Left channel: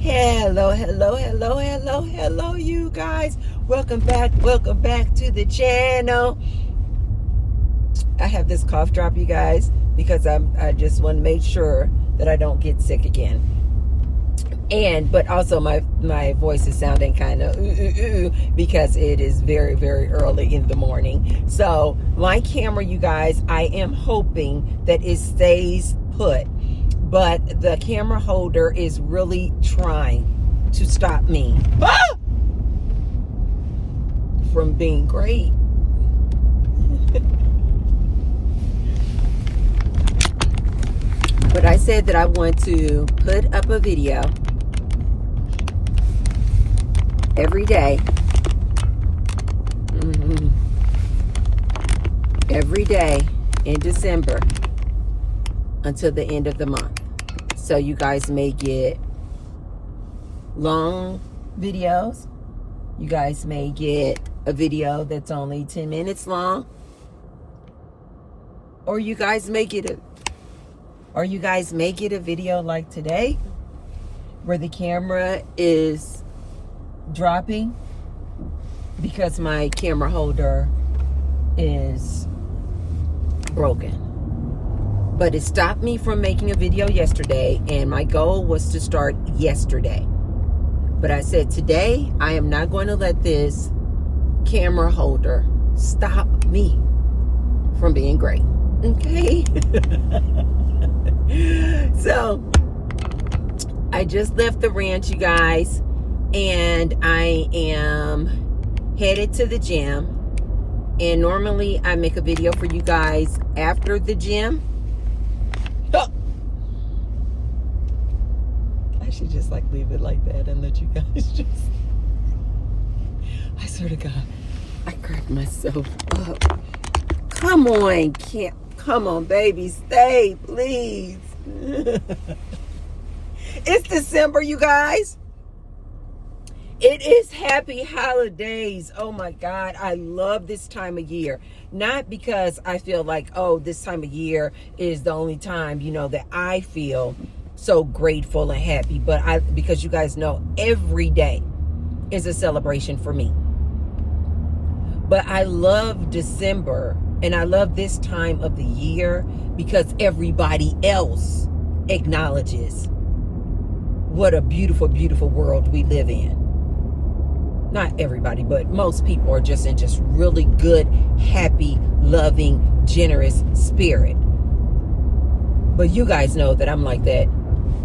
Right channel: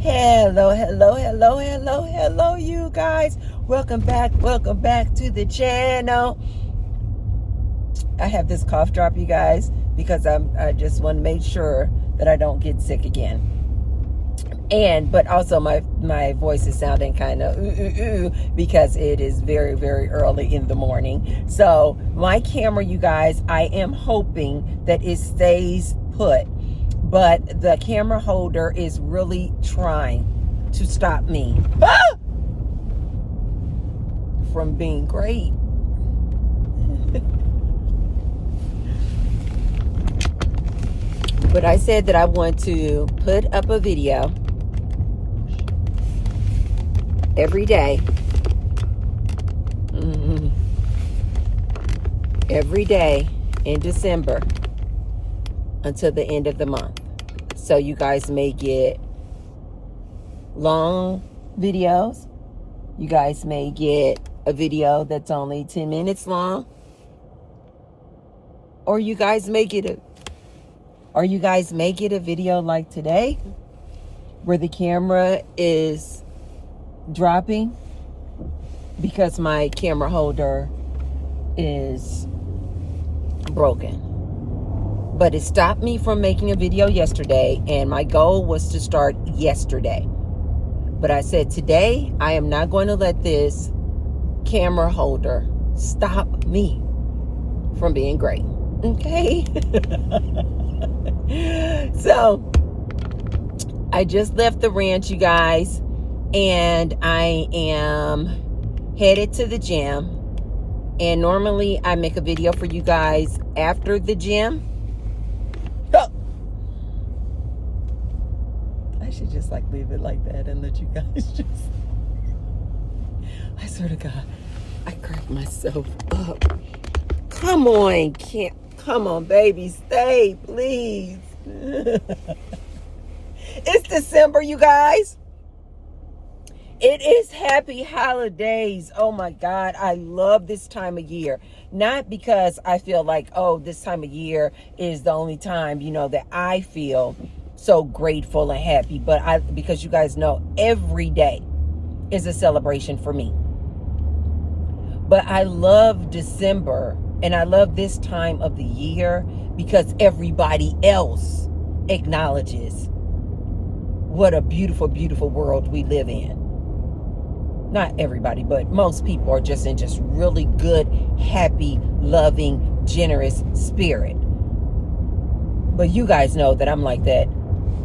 Hello, you guys. Welcome back to the channel. I have this cough drop, you guys, because I just want to make sure that I don't get sick again. But also my voice is sounding kind of because it is very, very early in the morning. So my camera, you guys, I am hoping that it stays put. But the camera holder is really trying to stop me from being great. But I said that I want to put up a video every day. Every day in December until the end of the month. So you guys may get long videos. You guys may get a video that's only 10 minutes long. Or you guys may get a video like today where the camera is dropping because my camera holder is broken. But it stopped me from making a video yesterday, and my goal was to start yesterday. But I said today I am not going to let this camera holder stop me from being great. Okay? So I just left the ranch, you guys, and I am headed to the gym. And normally I make a video for you guys after the gym. Oh. I should just leave it like that and let you guys just, I swear to God, I cracked myself up. Come on, come on, baby, stay, please. It's December, you guys. It is happy holidays. Oh my God, I love this time of year. Not because I feel like, oh, this time of year is the only time, that I feel so grateful and happy, but because you guys know every day is a celebration for me. But I love December and I love this time of the year because everybody else acknowledges what a beautiful, beautiful world we live in. Not everybody, but most people are just in really good, happy, loving, generous spirit. But you guys know that I'm like that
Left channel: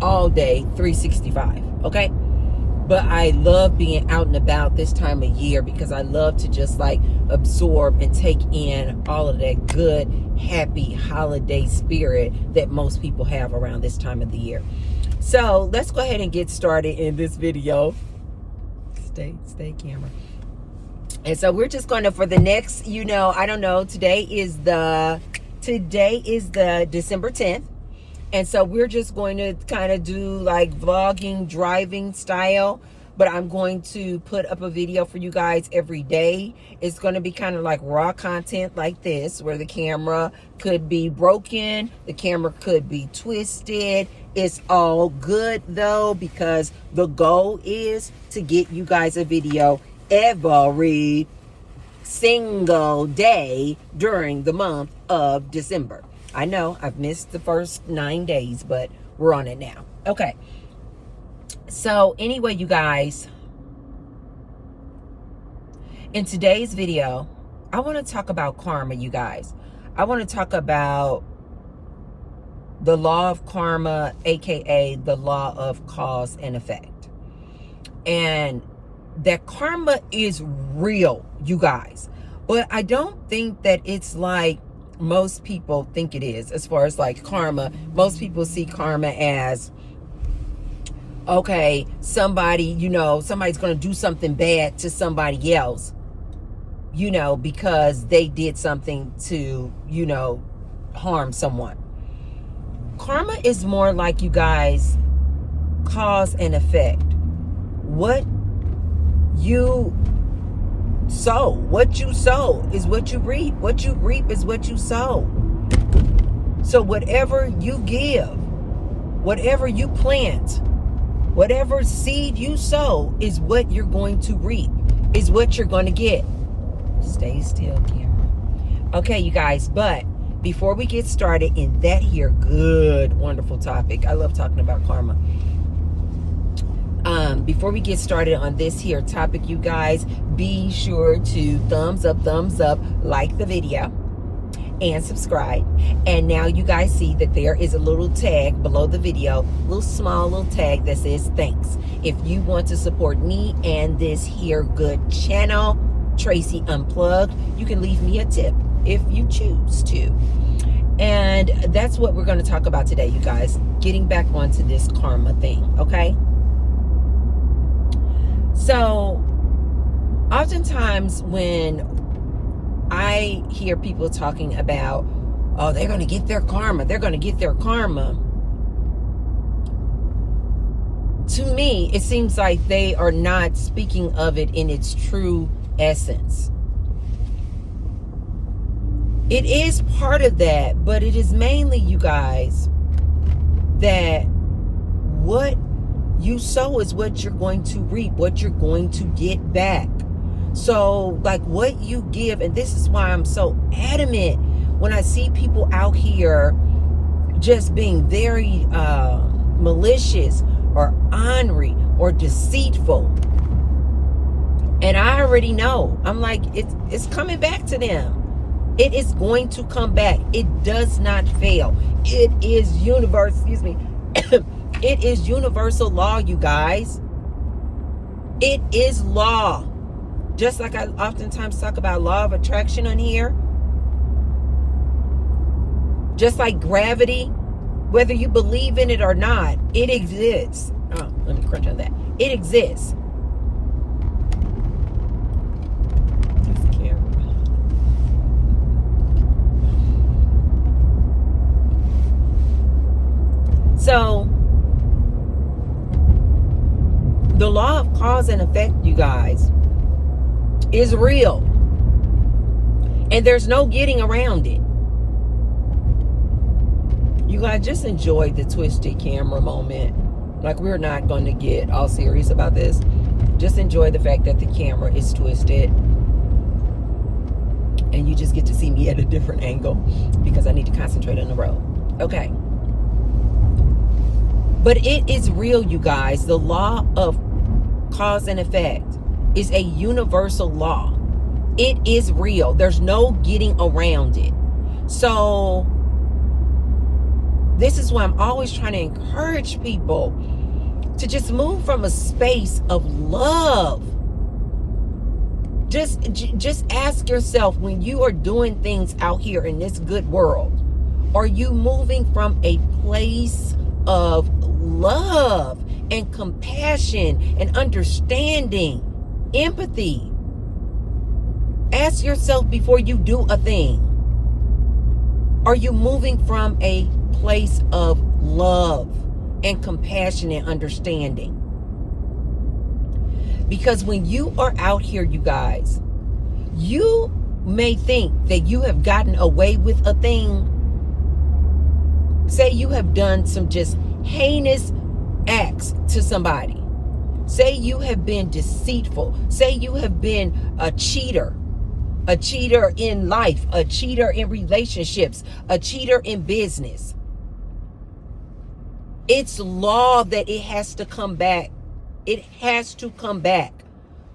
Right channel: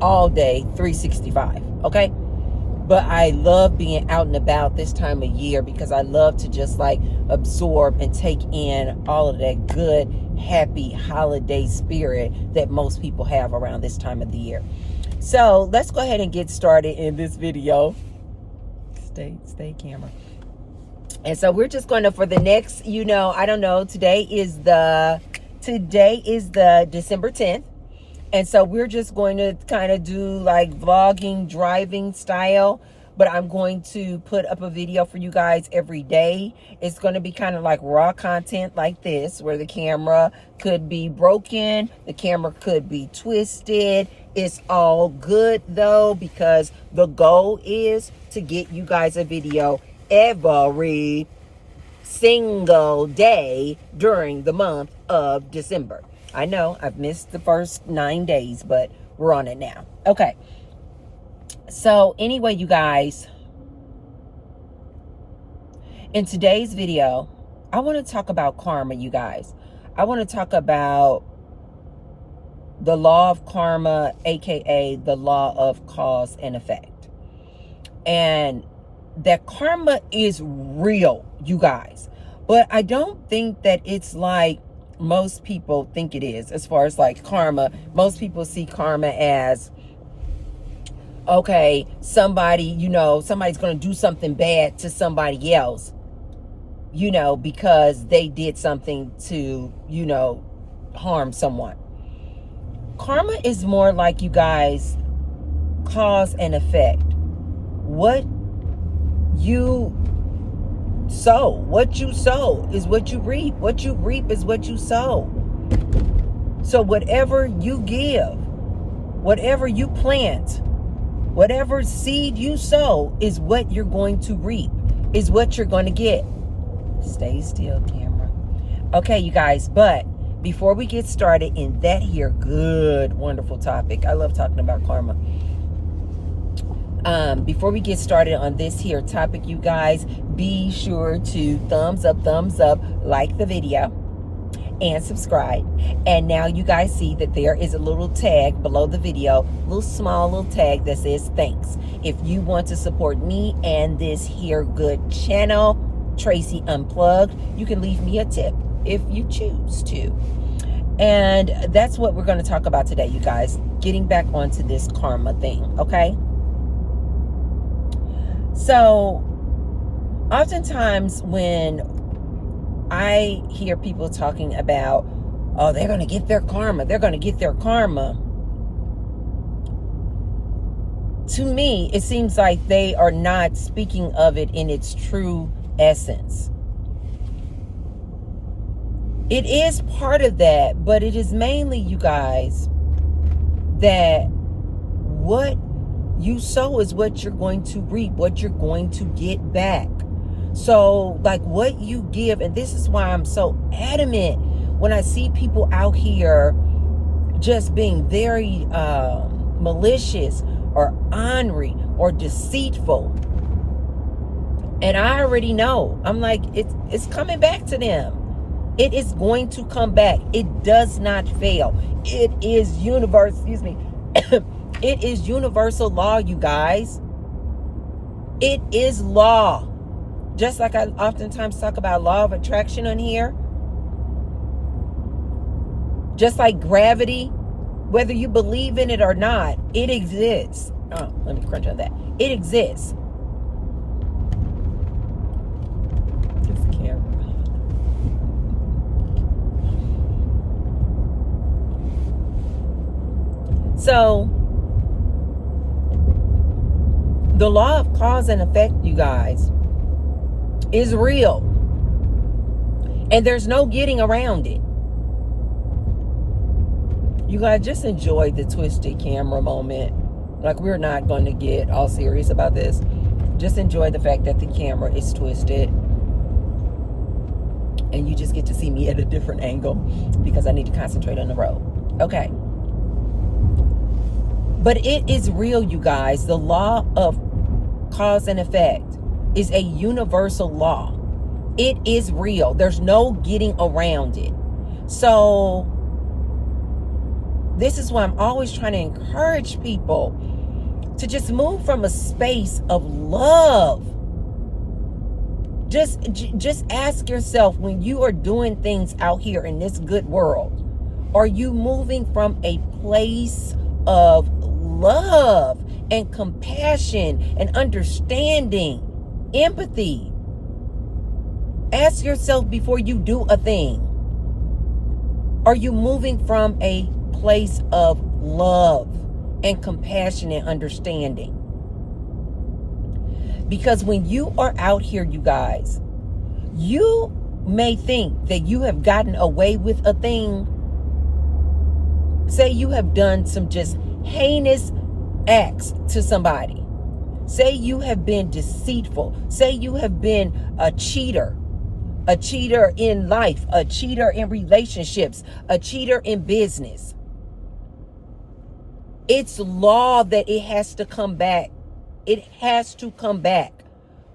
all day, 365, okay? But I love being out and about this time of year because I love to just absorb and take in all of that good, happy holiday spirit that most people have around this time of the year. So let's go ahead and get started in this video. Stay camera. And so we're just going to, for the next, I don't know, today is the December 10th. And so we're just going to kind of do vlogging, driving style, but I'm going to put up a video for you guys every day. It's going to be kind of like raw content like this, where the camera could be broken, the camera could be twisted. It's all good though, because the goal is to get you guys a video every single day during the month of December. I know I've missed the first 9 days, but we're on it now. Okay. So anyway, you guys, in today's video, I want to talk about karma, you guys. I want to talk about the law of karma, aka the law of cause and effect. And that karma is real, you guys. But I don't think that it's like most people think it is. As far as karma, most people see karma as, okay, somebody, somebody's going to do something bad to somebody else, because they did something to, harm someone. Karma is more like, you guys, cause and effect. What you sow. What you sow is what you reap. What you reap is what you sow. So whatever you give, Whatever you plant, whatever seed you sow is what you're going to reap, is what you're going to get. Stay still, camera. Okay, you guys, but before we get started in that here good, wonderful topic, I love talking about karma. Before we get started on this here topic, you guys, be sure to thumbs up, like the video, and subscribe. And now you guys see that there is a little tag below the video, small little tag that says thanks. If you want to support me and this here good channel, Tracy Unplugged, you can leave me a tip if you choose to. And that's what we're going to talk about today, you guys, getting back onto this karma thing, okay? So oftentimes when I hear people talking about, oh, they're going to get their karma, to me, it seems like they are not speaking of it in its true essence. It is part of that, but it is mainly, you guys, that what you sow is what you're going to reap, what you're going to get back. So, like, what you give, and this is why I'm so adamant when I see people out here just being very malicious or ornery or deceitful. And I already know. I'm like, it's coming back to them. It is going to come back. It does not fail. It is it is universal law, you guys. It is law. Just like I oftentimes talk about law of attraction on here. Just like gravity, whether you believe in it or not, it exists. Oh, let me crunch on that. It exists. This camera. So, the law of cause and effect, you guys, is real. And there's no getting around it. You guys, just enjoy the twisted camera moment. Like, we're not going to get all serious about this. Just enjoy the fact that the camera is twisted. And you just get to see me at a different angle because I need to concentrate on the road. Okay. But it is real, you guys. The law of cause and effect is a universal law. It is real. There's no getting around it. So this is why I'm always trying to encourage people to just move from a space of love. Just ask yourself, when you are doing things out here in this good world, are you moving from a place of love and compassion and understanding, empathy? Ask yourself before you do a thing. Are you moving from a place of love and compassion and understanding? Because when you are out here, you guys, you may think that you have gotten away with a thing. Say you have done some just heinous acts to somebody. Say you have been deceitful. Say you have been a cheater in life, a cheater in relationships, a cheater in business. It's law that it has to come back. It has to come back.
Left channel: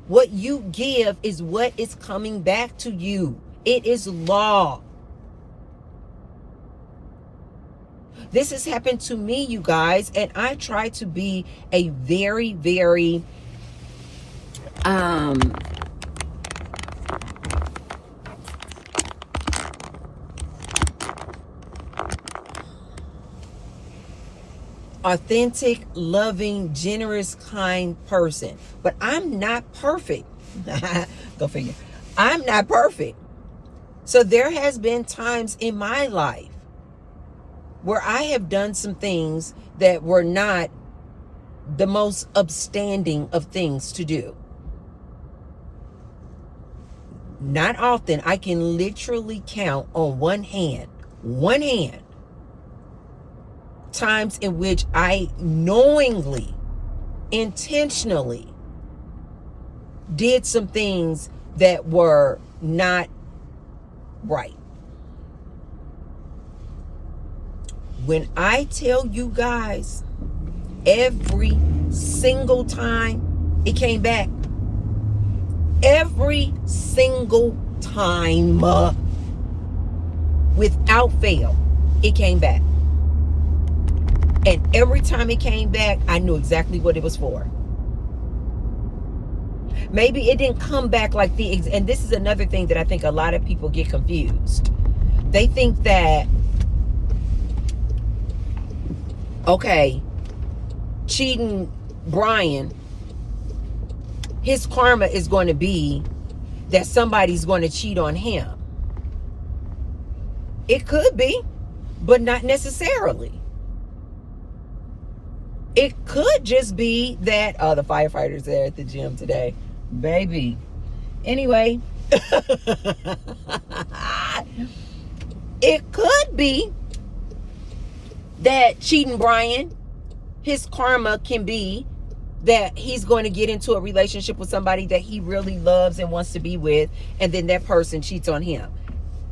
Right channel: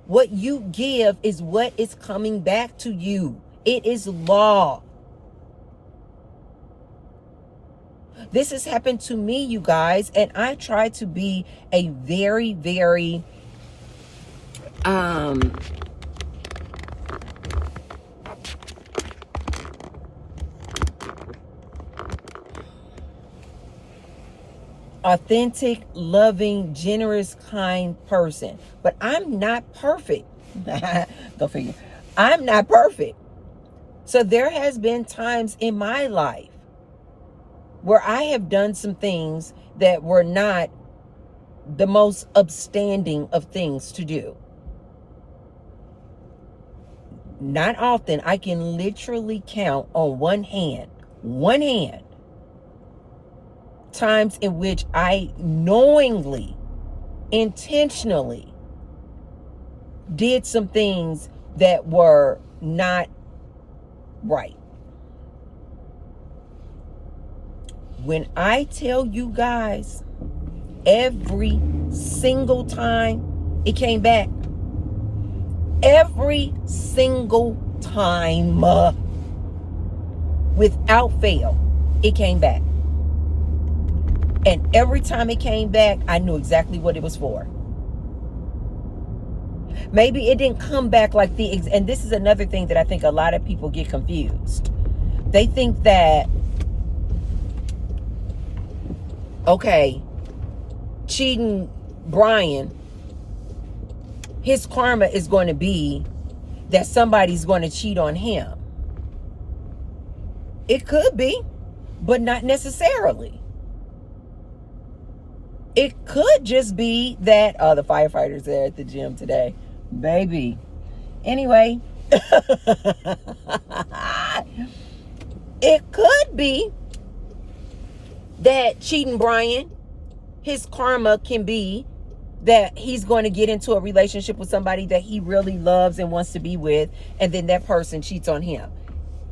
What you give is what is coming back to you. It is law. This has happened to me, you guys, and I try to be a very, very authentic, loving, generous, kind person. But I'm not perfect. Go figure. I'm not perfect. So there has been times in my life where I have done some things that were not the most upstanding of things to do. Not often. I can literally count on one hand times in which I knowingly, intentionally did some things that were not right. When I tell you guys, every single time it came back, every single time, without fail, it came back. And every time it came back, I knew exactly what it was for. Maybe it didn't come back like and this is another thing that I think a lot of people get confused. They think that, okay, cheating Brian, his karma is going to be that somebody's going to cheat on him. It could be, but not necessarily. It could just be that the firefighters are at the gym today. Baby. Anyway, it could be that cheating Brian, his karma can be that he's going to get into a relationship with somebody that he really loves and wants to be with, and then that person cheats on him.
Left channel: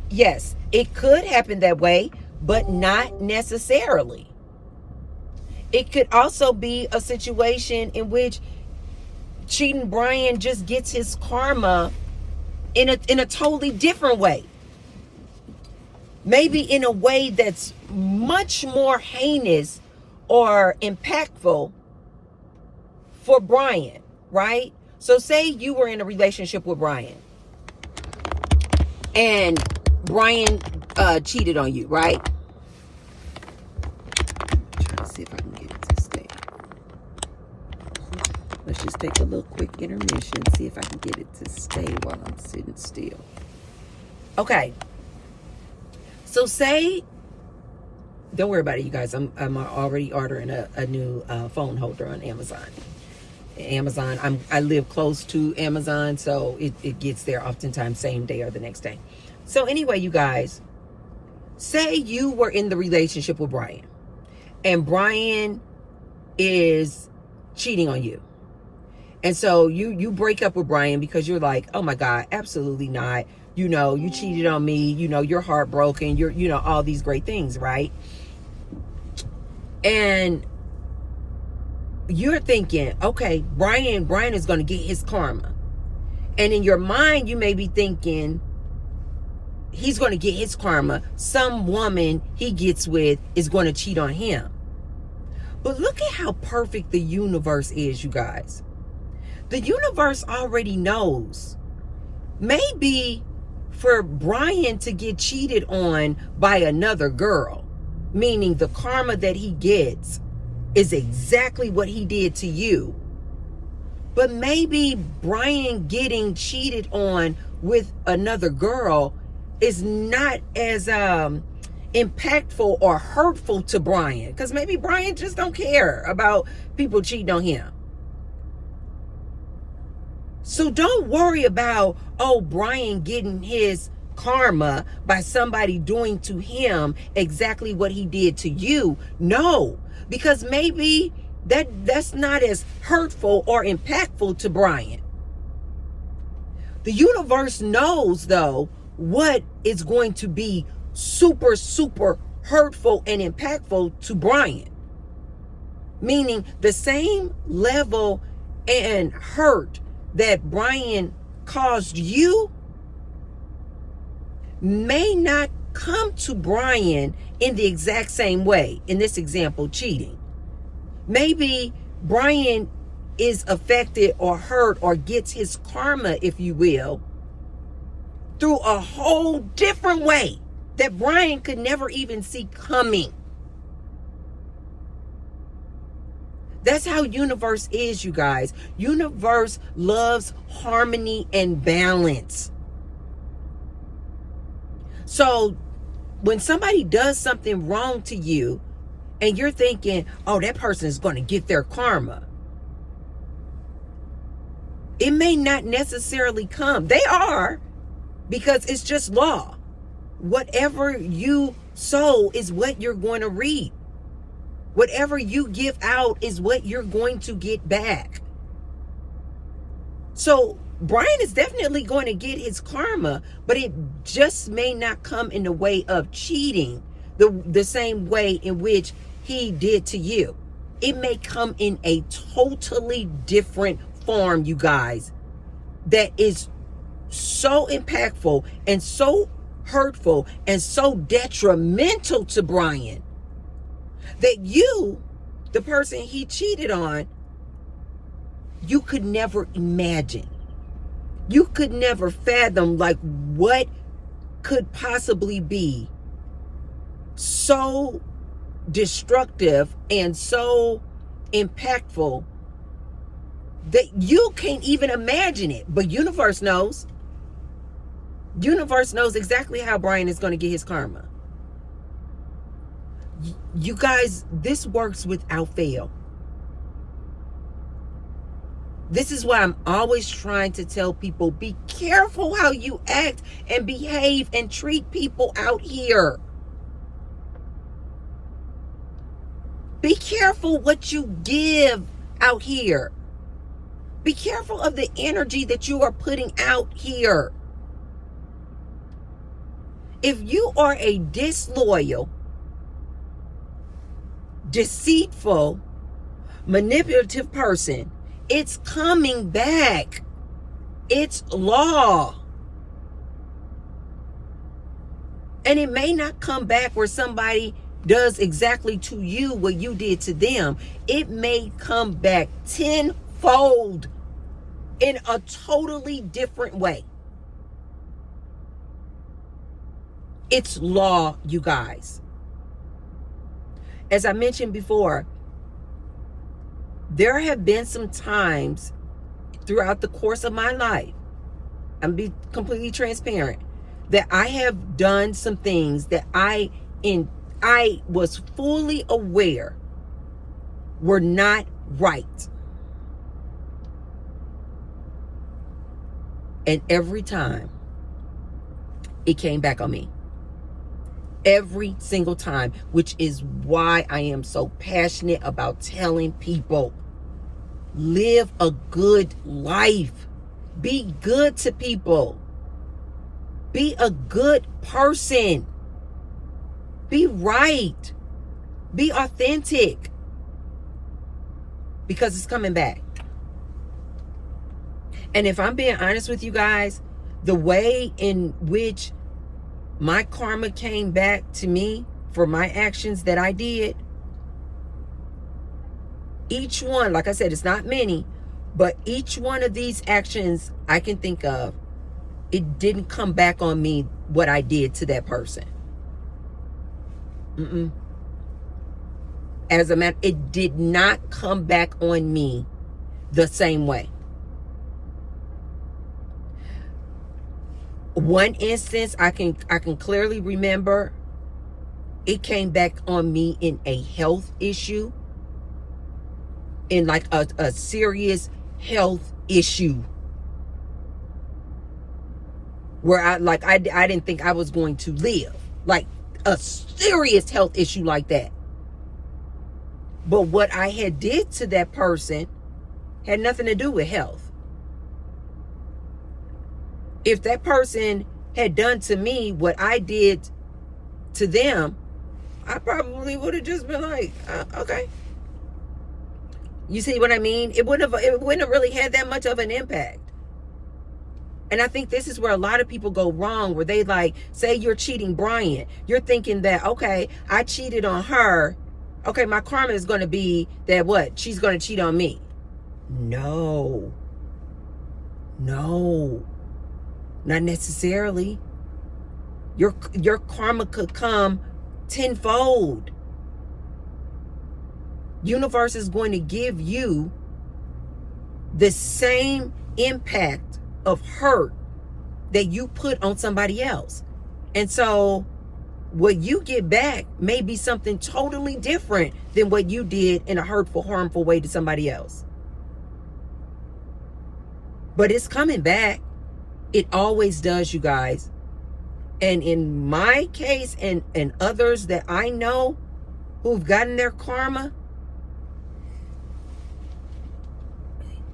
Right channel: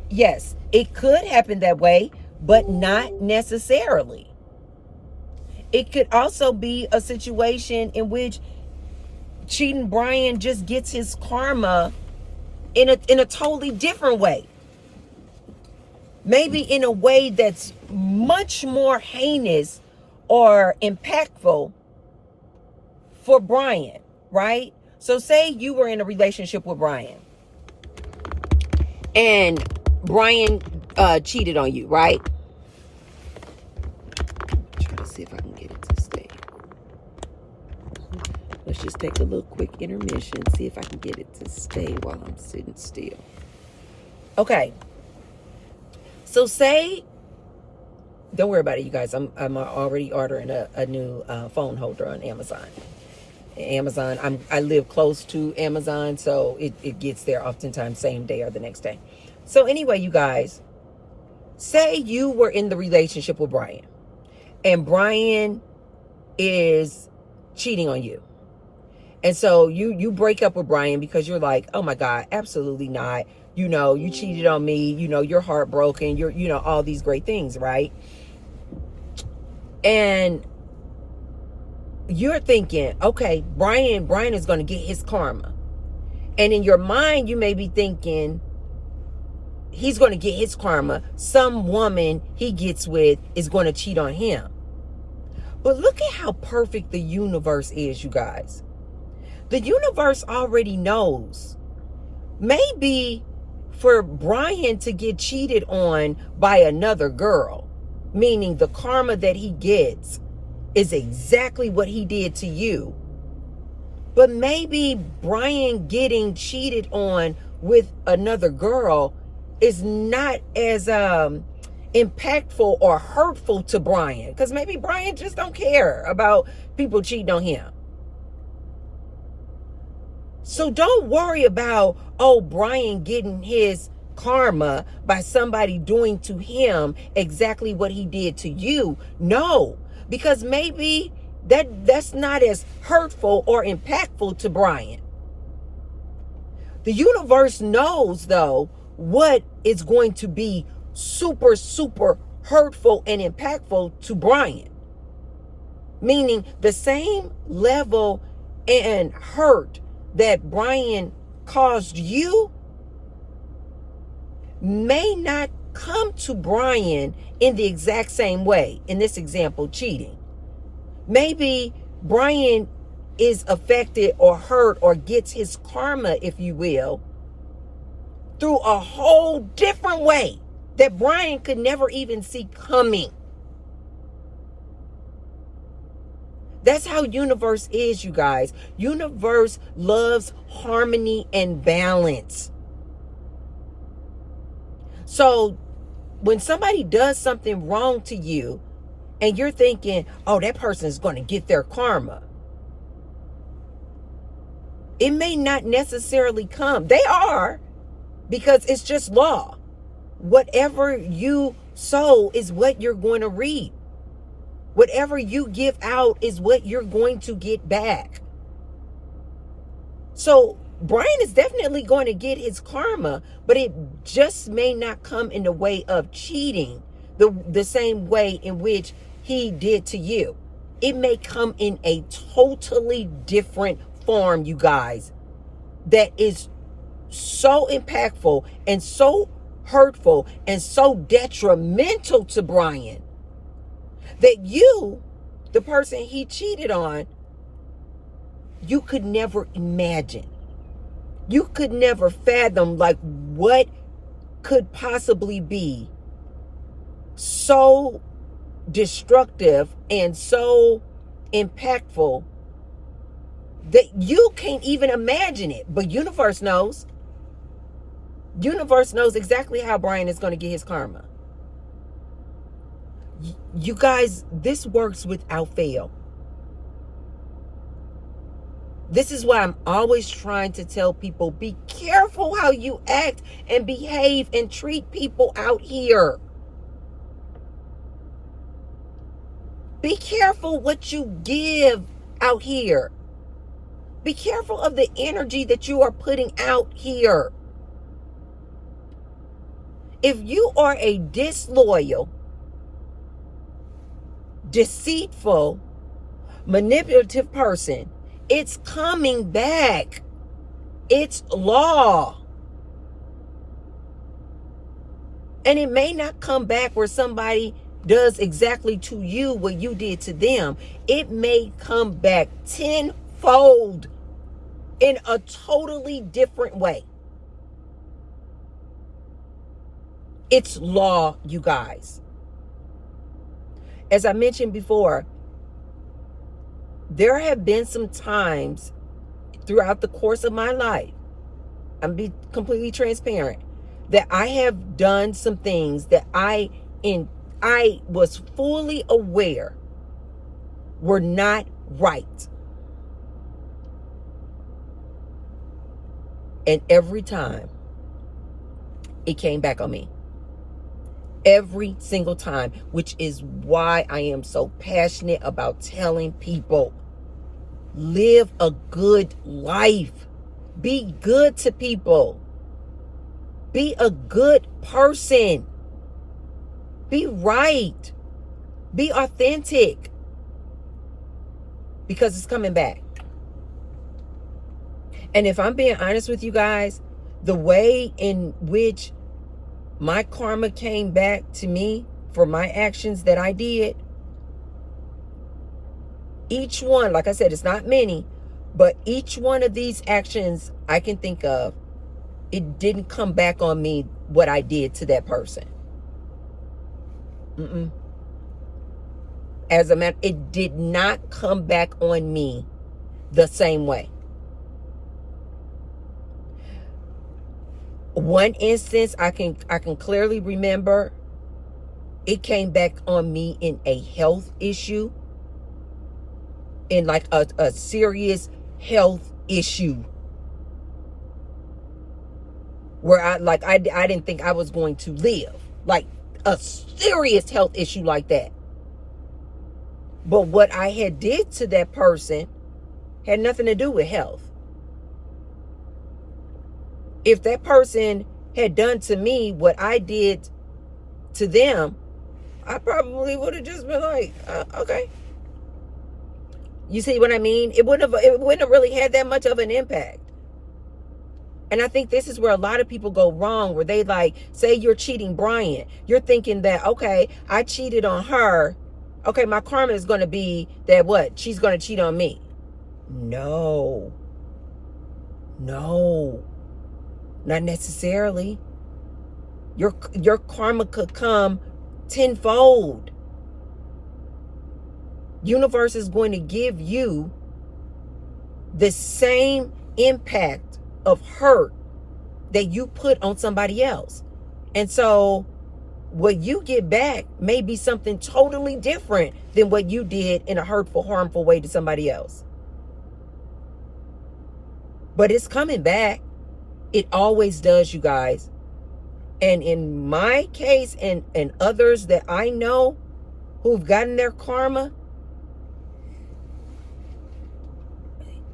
Yes, it could happen that way, but not necessarily. It could also be a situation in which cheating Brian just gets his karma in a totally different way. Maybe in a way that's much more heinous or impactful for Brian, right? So say you were in a relationship with Brian and Brian cheated on you, right? Try to see if I can get it to stay. Let's just take a little quick intermission, see if I can get it to stay while I'm sitting still. Okay. So say, don't worry about it, you guys. I'm already ordering a new phone holder on Amazon. I live close to Amazon, so it gets there oftentimes same day or the next day. So anyway, you guys, say you were in the relationship with Brian, and Brian is cheating on you. And so you break up with Brian because you're like, oh my God, absolutely not. You know, you cheated on me. You know, you're heartbroken. You're, you know, all these great things, right? And you're thinking, okay, Brian is going to get his karma. And in your mind, you may be thinking, he's going to get his karma. Some woman he gets with is going to cheat on him. But look at how perfect the universe is, you guys. The universe already knows. Maybe for Brian to get cheated on by another girl, meaning the karma that he gets is exactly what he did to you. But maybe Brian getting cheated on with another girl is not as impactful or hurtful to Brian, because maybe Brian just don't care about people cheating on him. So don't worry about, oh, Brian getting his karma by somebody doing to him exactly what he did to you. No, because maybe that's not as hurtful or impactful to Brian. The universe knows, though, what is going to be super, super hurtful and impactful to Brian. Meaning the same level and hurt that Brian caused you may not come to Brian in the exact same way. In this example, cheating. Maybe Brian is affected or hurt or gets his karma, if you will, through a whole different way that Brian could never even see coming. That's how universe is, you guys. Universe loves harmony and balance. So when somebody does something wrong to you and you're thinking, oh, that person is going to get their karma, it may not necessarily come. They are, because it's just law. Whatever you sow is what you're going to reap. Whatever you give out is what you're going to get back. So Brian is definitely going to get his karma, but it just may not come in the way of cheating the same way in which he did to you. It may come in a totally different form, you guys, that is so impactful and so hurtful and so detrimental to Brian that you, the person he cheated on, you could never imagine. You could never fathom like what could possibly be so destructive and so impactful that you can't even imagine it. But universe knows. Universe knows exactly how Brian is going to get his karma. You guys, this works without fail. This is why I'm always trying to tell people, be careful how you act and behave and treat people out here. Be careful what you give out here. Be careful of the energy that you are putting out here. If you are a disloyal, deceitful, manipulative person, it's coming back. It's law. And it may not come back where somebody does exactly to you what you did to them. It may come back tenfold in a totally different way. It's law, you guys. As I mentioned before, there have been some times throughout the course of my life, I'm be completely transparent, that I have done some things that I was fully aware were not right. And every time it came back on me. Every single time, which is why I am so passionate about telling people, live a good life. Be good to people. Be a good person. Be right. Be authentic. Because it's coming back. And if I'm being honest with you guys, the way in which my karma came back to me for my actions that I did, each one, like I said, it's not many, but each one of these actions I can think of, it didn't come back on me what I did to that person. As a matter, it did not come back on me the same way. One instance I can clearly remember, it came back on me in a health issue, in like a serious health issue, where I didn't think I was going to live, like a serious health issue like that. But what I had did to that person had nothing to do with health. If that person had done to me what I did to them, I probably would have just been like, okay. You see what I mean? It wouldn't have really had that much of an impact. And I think this is where a lot of people go wrong, where they like, say you're cheating Brian. You're thinking that, okay, I cheated on her. Okay, my karma is going to be that what? She's going to cheat on me. No. Not necessarily. Your karma could come tenfold. Universe is going to give you the same impact of hurt that you put on somebody else. And so what you get back may be something totally different than what you did in a hurtful, harmful way to somebody else. But it's coming back. It always does, you guys. And in my case and others that I know who've gotten their karma,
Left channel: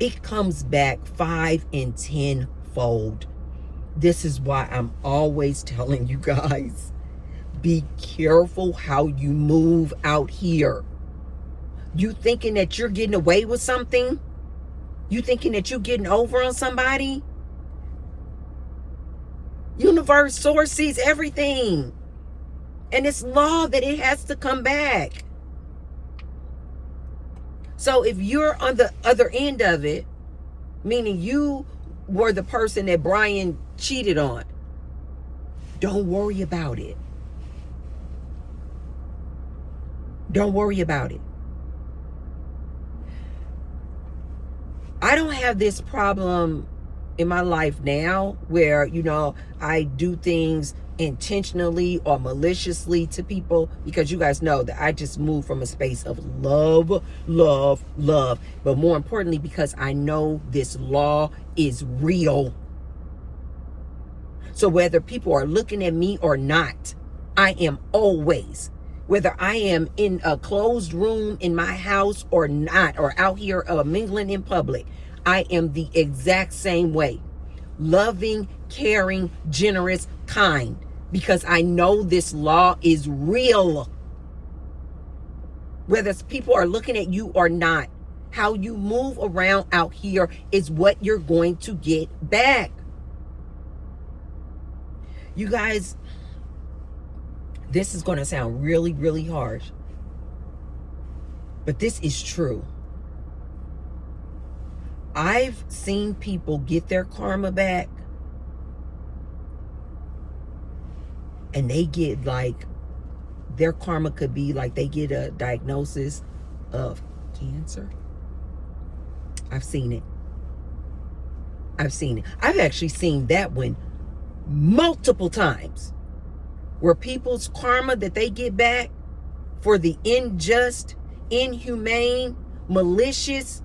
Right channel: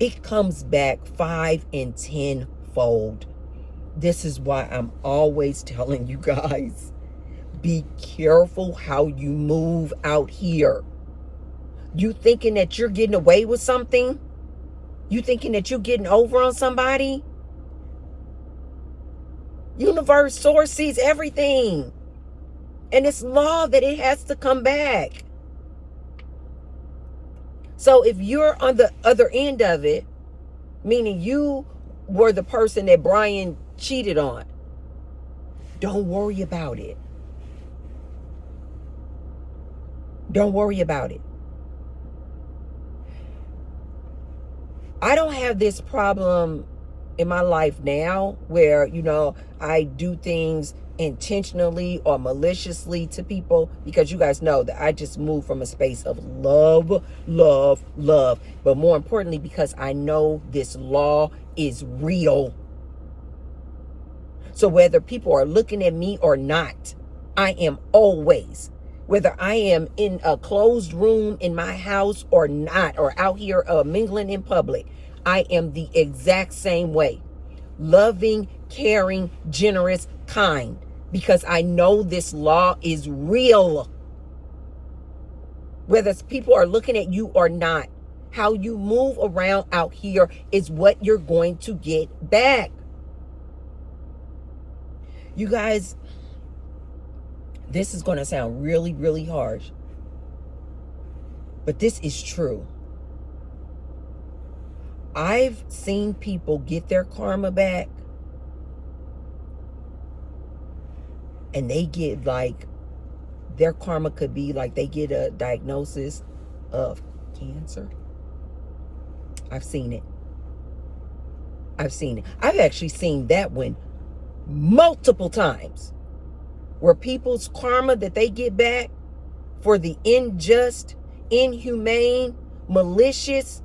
it comes back 5 and 10 fold. This is why I'm always telling you guys, be careful how you move out here. You thinking that you're getting away with something? You thinking that you're getting over on somebody? Universe, source sees everything. And it's law that it has to come back. So if you're on the other end of it, meaning you were the person that Brian cheated on, don't worry about it. Don't worry about it. I don't have this problem in my life now where, I do things intentionally or maliciously to people, because you guys know that I just move from a space of love, love, love. But more importantly, because I know this law is real. So whether people are looking at me or not, I am always, whether I am in a closed room in my house or not, or out here mingling in public, I am the exact same way. Loving, caring, generous, kind. Because I know this law is real. Whether people are looking at you or not, how you move around out here is what you're going to get back. You guys, this is going to sound really, really harsh, but this is true. I've seen people get their karma back, and they get their karma could be they get a diagnosis of cancer. I've seen it. I've actually seen that one multiple times, where people's karma that they get back for the unjust, inhumane, malicious,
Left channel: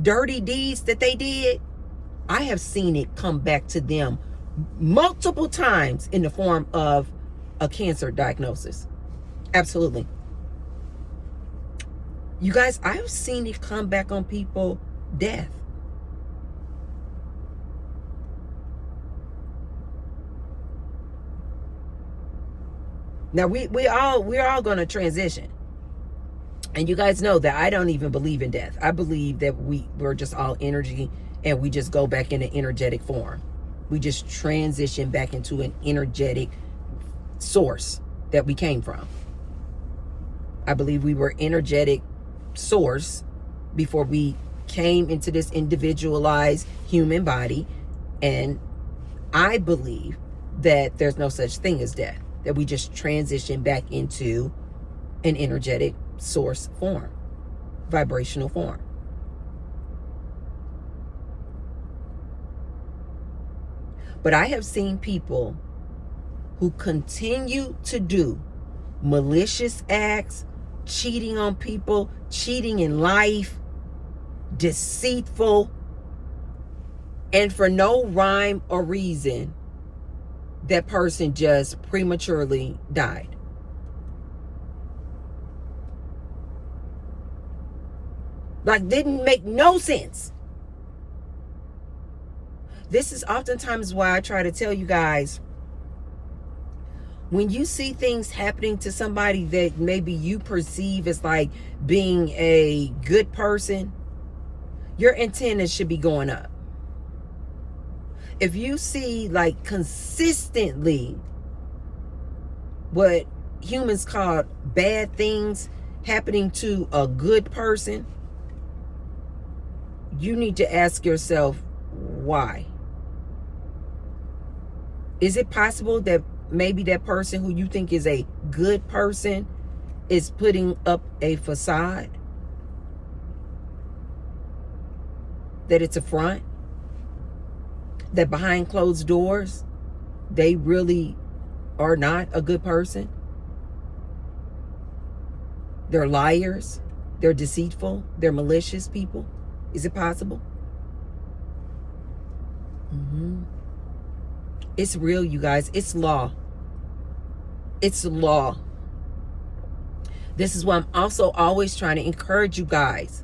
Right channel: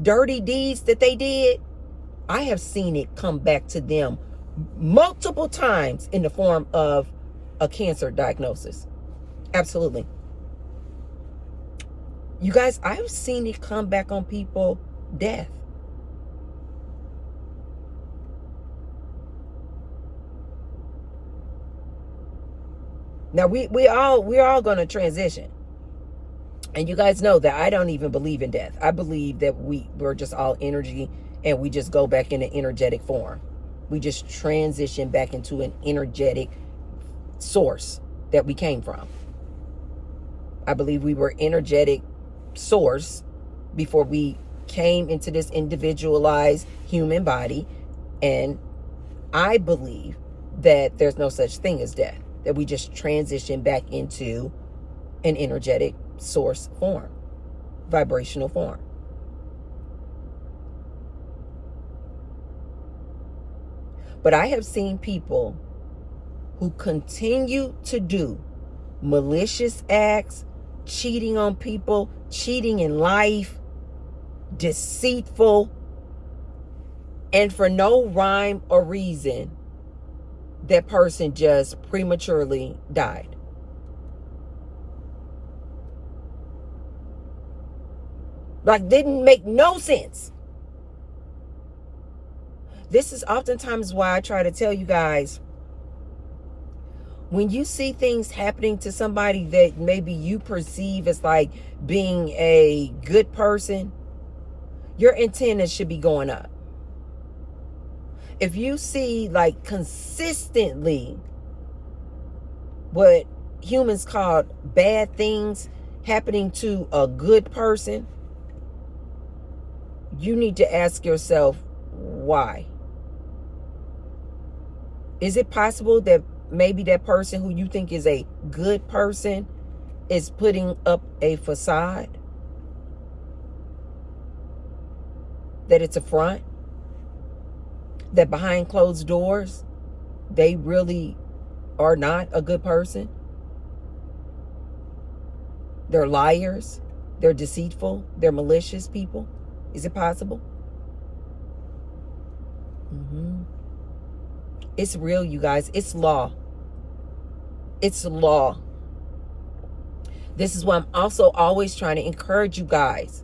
dirty deeds that they did, I have seen it come back to them multiple times in the form of a cancer diagnosis. Absolutely. You guys, I've seen it come back on people, death. Now we're all going to transition. And you guys know that I don't even believe in death. I believe that we're just all energy, and we just go back in an energetic form. We just transition back into an energetic source that we came from. I believe we were energetic source before we came into this individualized human body. And I believe that there's no such thing as death, that we just transition back into an energetic source form, vibrational form. But I have seen people who continue to do malicious acts, cheating on people, cheating in life, deceitful, and for no rhyme or reason, that person just prematurely died. Didn't make no sense. This is oftentimes why I try to tell you guys, when you see things happening to somebody that maybe you perceive as being a good person, your antennas should be going up. If you see consistently what humans call bad things happening to a good person, you need to ask yourself, why? Is it possible that maybe that person who you think is a good person is putting up a facade? That it's a front? That behind closed doors, they really are not a good person? They're liars. They're deceitful. They're malicious people. Is it possible? It's real, you guys. It's law. It's law. This is why I'm also always trying to encourage you guys.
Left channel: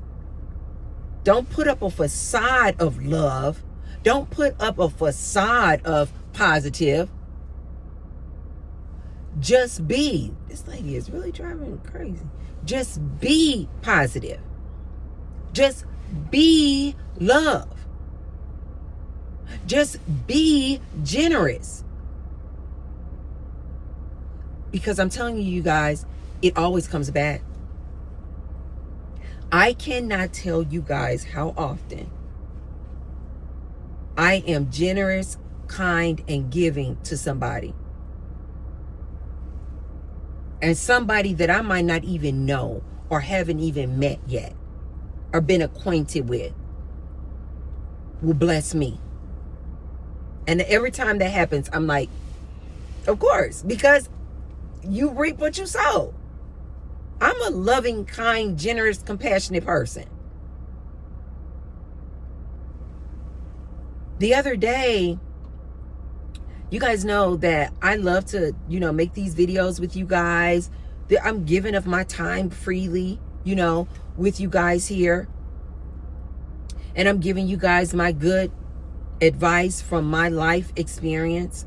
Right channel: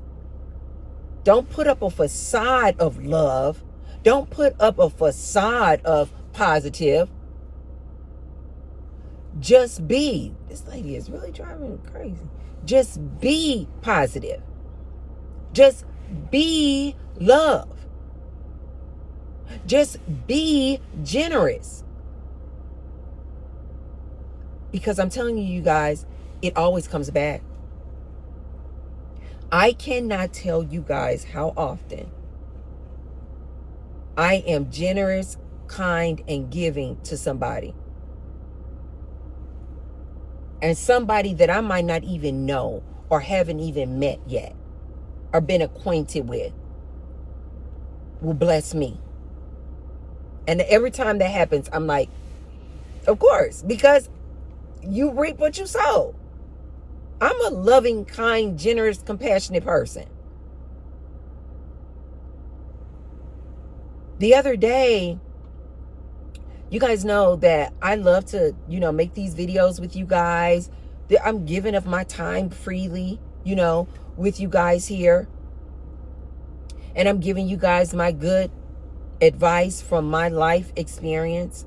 Don't put up a facade of love. Don't put up a facade of positive. Just be. This lady is really driving me crazy. Just be positive. Just be love. Just be generous. Because I'm telling you guys, it always comes back. I cannot tell you guys how often I am generous, kind, and giving to somebody. And somebody that I might not even know or haven't even met yet or been acquainted with will bless me. And every time that happens, I'm like, of course, because you reap what you sow. I'm a loving, kind, generous, compassionate person. The other day, you guys know that I love to, make these videos with you guys. I'm giving of my time freely, with you guys here. And I'm giving you guys my good advice from my life experience.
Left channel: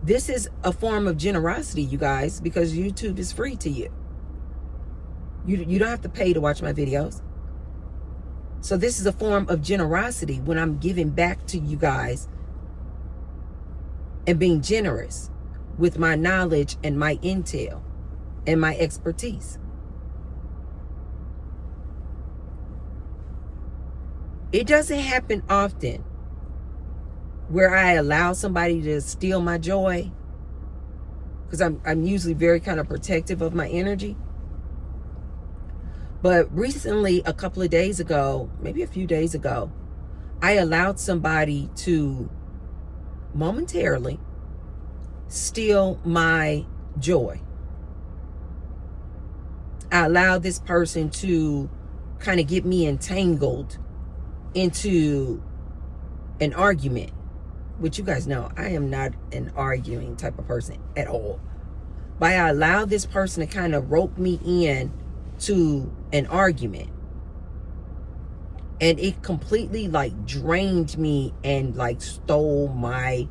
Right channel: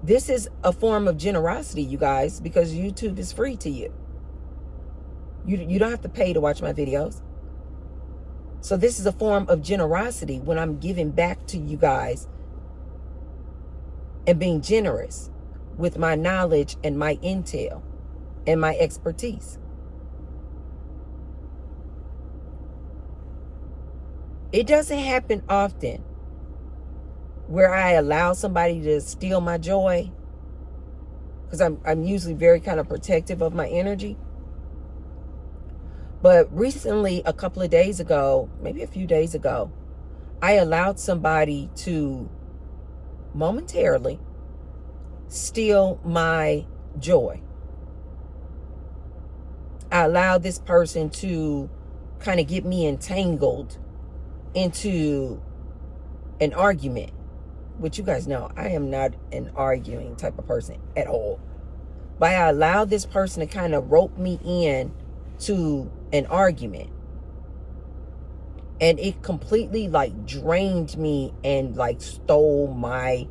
This is a form of generosity, you guys, because YouTube is free to you. You don't have to pay to watch my videos. So this is a form of generosity when I'm giving back to you guys and being generous with my knowledge and my intel and my expertise. It doesn't happen often where I allow somebody to steal my joy, because I'm usually very kind of protective of my energy. But recently, a couple of days ago, maybe a few days ago, I allowed somebody to momentarily steal my joy. I allowed this person to kind of get me entangled into an argument, which you guys know I am not an arguing type of person at all. But I allowed this person to kind of rope me in to an argument. And it completely drained me and stole my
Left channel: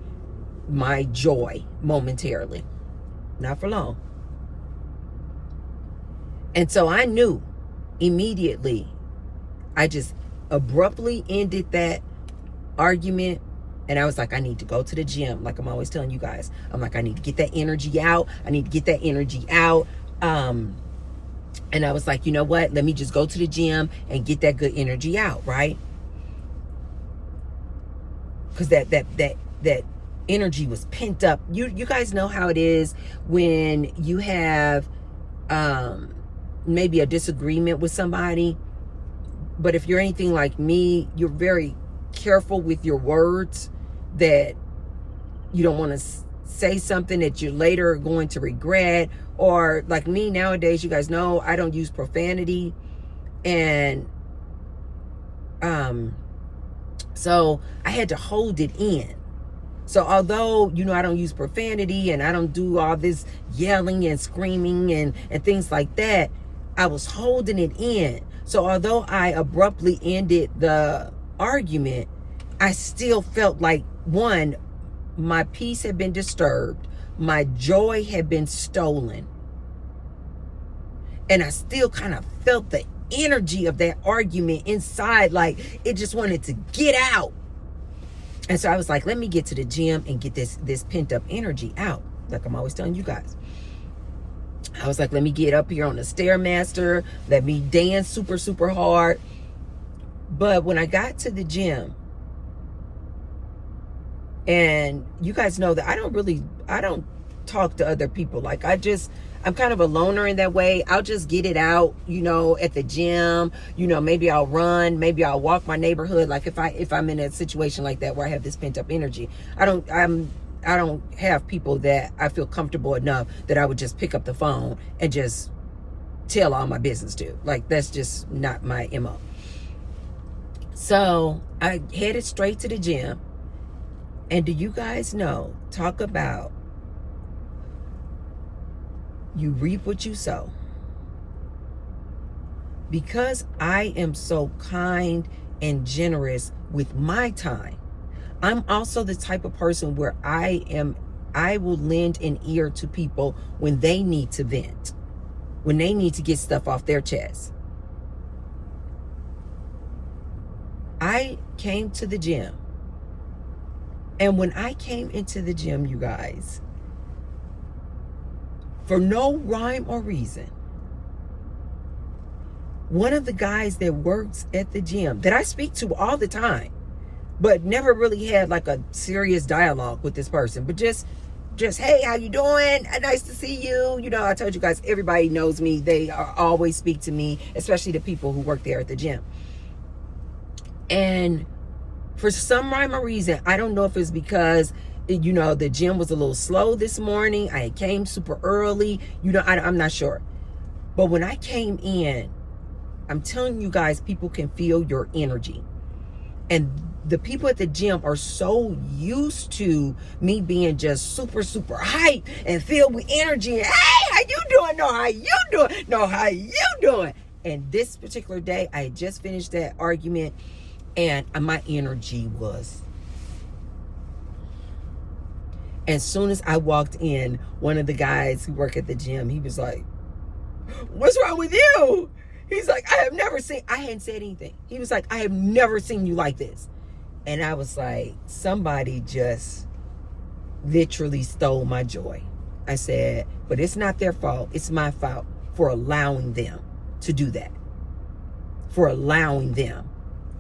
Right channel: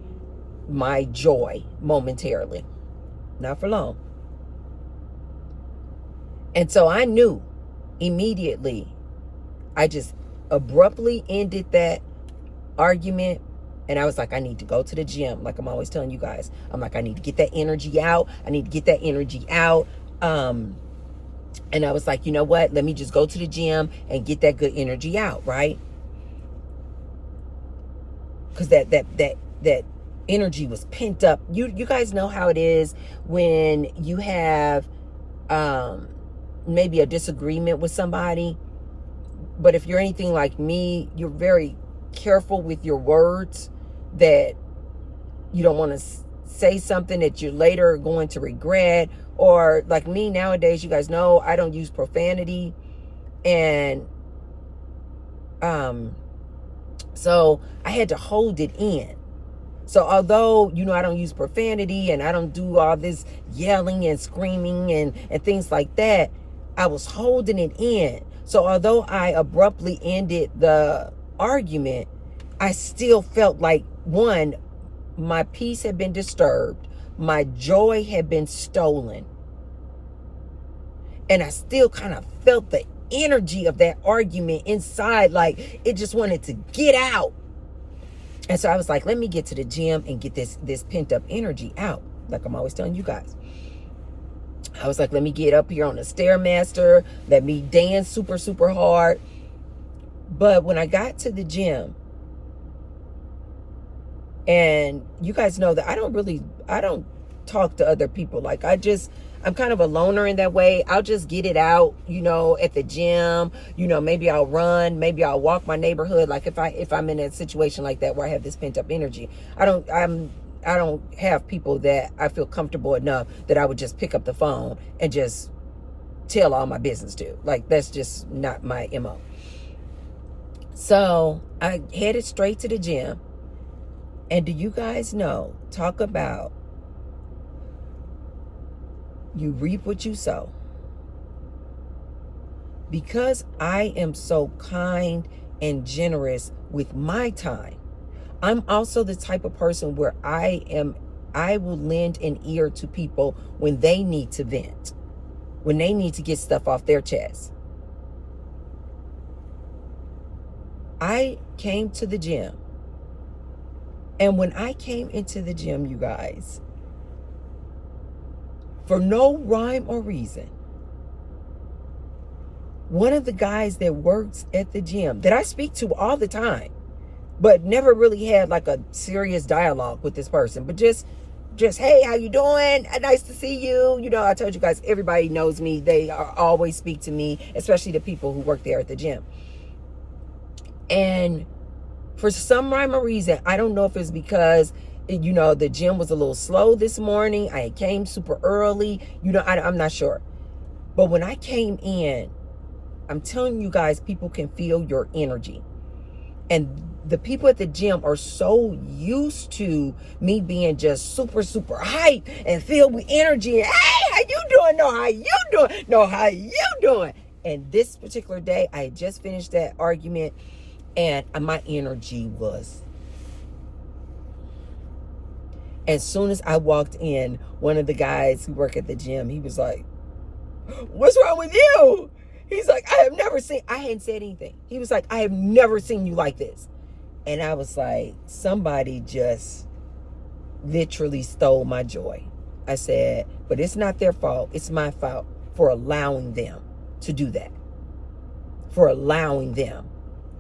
joy momentarily. Not for long. And so I knew immediately. I just abruptly ended that argument. And I was like, I need to go to the gym. Like I'm always telling you guys. I'm like, I need to get that energy out. And I was like, you know what? Let me just go to the gym and get that good energy out, right? Because that energy was pent up. You guys know how it is when you have maybe a disagreement with somebody. But if you're anything like me, you're very careful with your words, that you don't want to say something that you're later going to regret. Or like me nowadays, you guys know I don't use profanity. And so I had to hold it in. So although, I don't use profanity and I don't do all this yelling and screaming and things like that, I was holding it in. So although I abruptly ended the argument, I still felt like, one, my peace had been disturbed. My joy had been stolen. And I still kind of felt the energy of that argument inside, like it just wanted to get out. And so I was like, let me get to the gym and get this pent up energy out. Like I'm always telling you guys. I was like, let me get up here on the Stairmaster. Let me dance super, super hard. But when I got to the gym, and you guys know that I don't talk to other people. Like I'm kind of a loner in that way. I'll just get it out, at the gym. Maybe I'll run, maybe I'll walk my neighborhood. Like if I'm in a situation like that where I have this pent up energy, I don't have people that I feel comfortable enough that I would just pick up the phone and just tell all my business to. Like that's just not my MO. So I headed straight to the gym. And do you guys know, talk about You reap what you sow. Because I am so kind and generous with my time, I'm also the type of person where I will lend an ear to people when they need to vent, when they need to get stuff off their chest. I came to the gym. And when I came into the gym, you guys, for no rhyme or reason, one of the guys that works at the gym that I speak to all the time, but never really had like a serious dialogue with this person, but just, hey, how you doing? Nice to see you. You know, I told you guys, everybody knows me. They always speak to me, especially the people who work there at the gym. And for some rhyme or reason, I don't know if it's because, you know, the gym was a little slow this morning. I came super early. You know, I'm not sure. But when I came in, I'm telling you guys, people can feel your energy. And the people at the gym are so used to me being just super, super hype and filled with energy. Hey, how you doing? No, how you doing? No, how you doing? And this particular day, I had just finished that argument. And my energy was. As soon as I walked in, one of the guys who work at the gym, he was like, what's wrong with you? He's like, I hadn't said anything. He was like, I have never seen you like this. And I was like, somebody just literally stole my joy. I said, but it's not their fault. It's my fault for allowing them to do that. For allowing them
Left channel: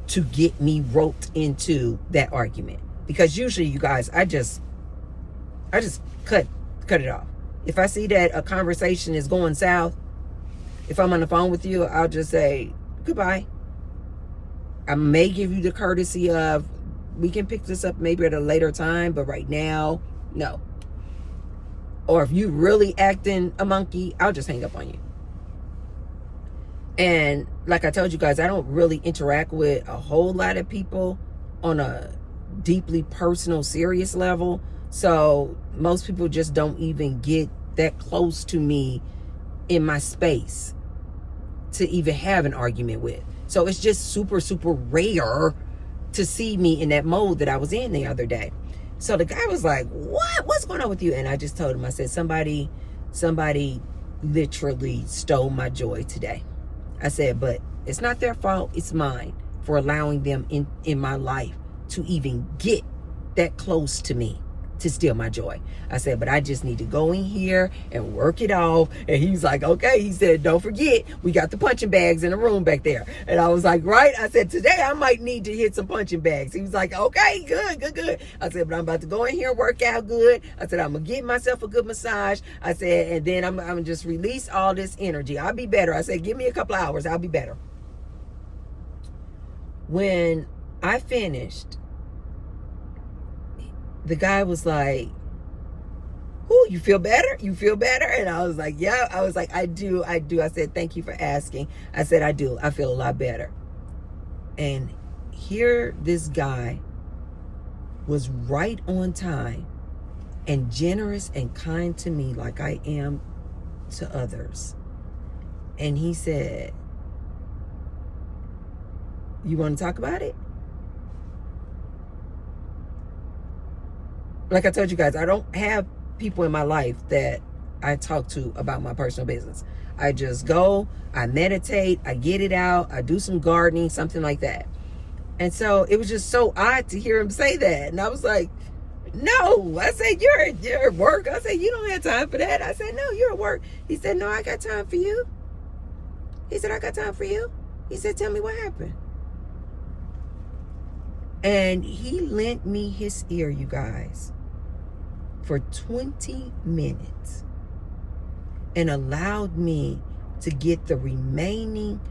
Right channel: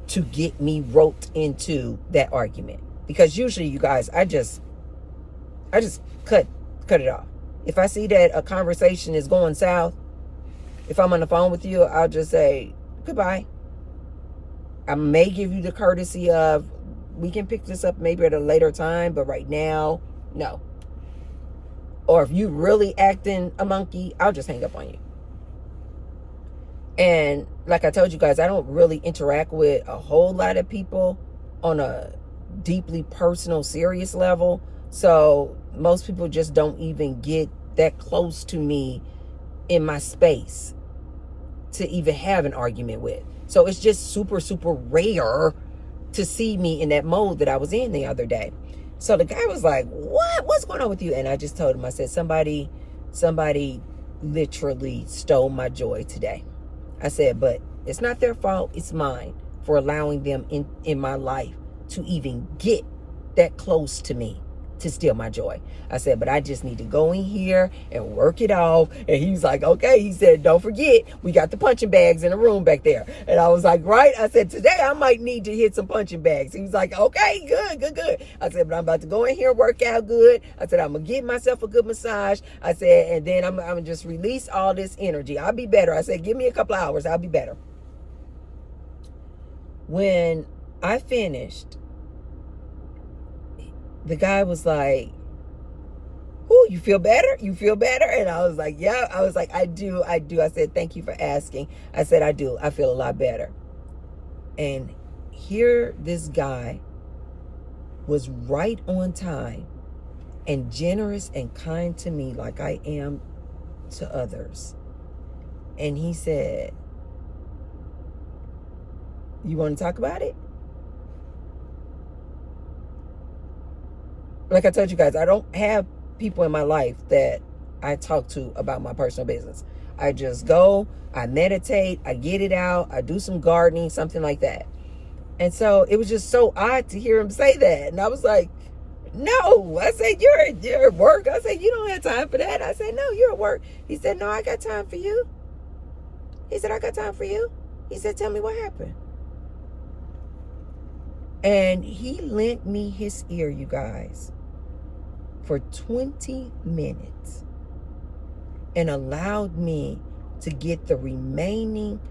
to get me roped into that argument. Because usually, you guys, I just cut it off. If I see that a conversation is going south, if I'm on the phone with you, I'll just say goodbye. I may give you the courtesy of, we can pick this up maybe at a later time, but right now, no. Or if you really acting a monkey, I'll just hang up on you. And like I told you guys, I don't really interact with a whole lot of people on a deeply personal, serious level. So most people just don't even get that close to me in my space to even have an argument with. So it's just super, super rare to see me in that mode that I was in the other day. So the guy was like, what's going on with you? And I just told him, I said, somebody literally stole my joy today. I said, but it's not their fault. It's mine for allowing them in my life to even get that close to me to steal my joy. I said, but I just need to go in here and work it off. And he's like, okay. He said, don't forget, we got the punching bags in the room back there. And I was like, right. I said, today I might need to hit some punching bags. He was like, okay, good. I said, but I'm about to go in here and work out good. I said, I'm going to give myself a good massage. I said, and then I'm going to just release all this energy. I'll be better. I said, give me a couple hours. I'll be better. When I finished, the guy was like, "Oh, you feel better? You feel better?" And I was like, "Yeah." I was like, I do. I said, "Thank you for asking." I said, "I do. I feel a lot better." And here this guy was right on time and generous and kind to me like I am to others. And he said, "You want to talk about it?" Like I told you guys, I don't have people in my life that I talk to about my personal business. I just go, I meditate, I get it out, I do some gardening, something like that. And so it was just so odd to hear him say that. And I was like, no. I said, you're at work. I said, you don't have time for that. I said, no, you're at work. He said, no, I got time for you. He said, I got time for you. He said, tell me what happened. And he lent me his ear, you guys, for 20 minutes and allowed me to get the remaining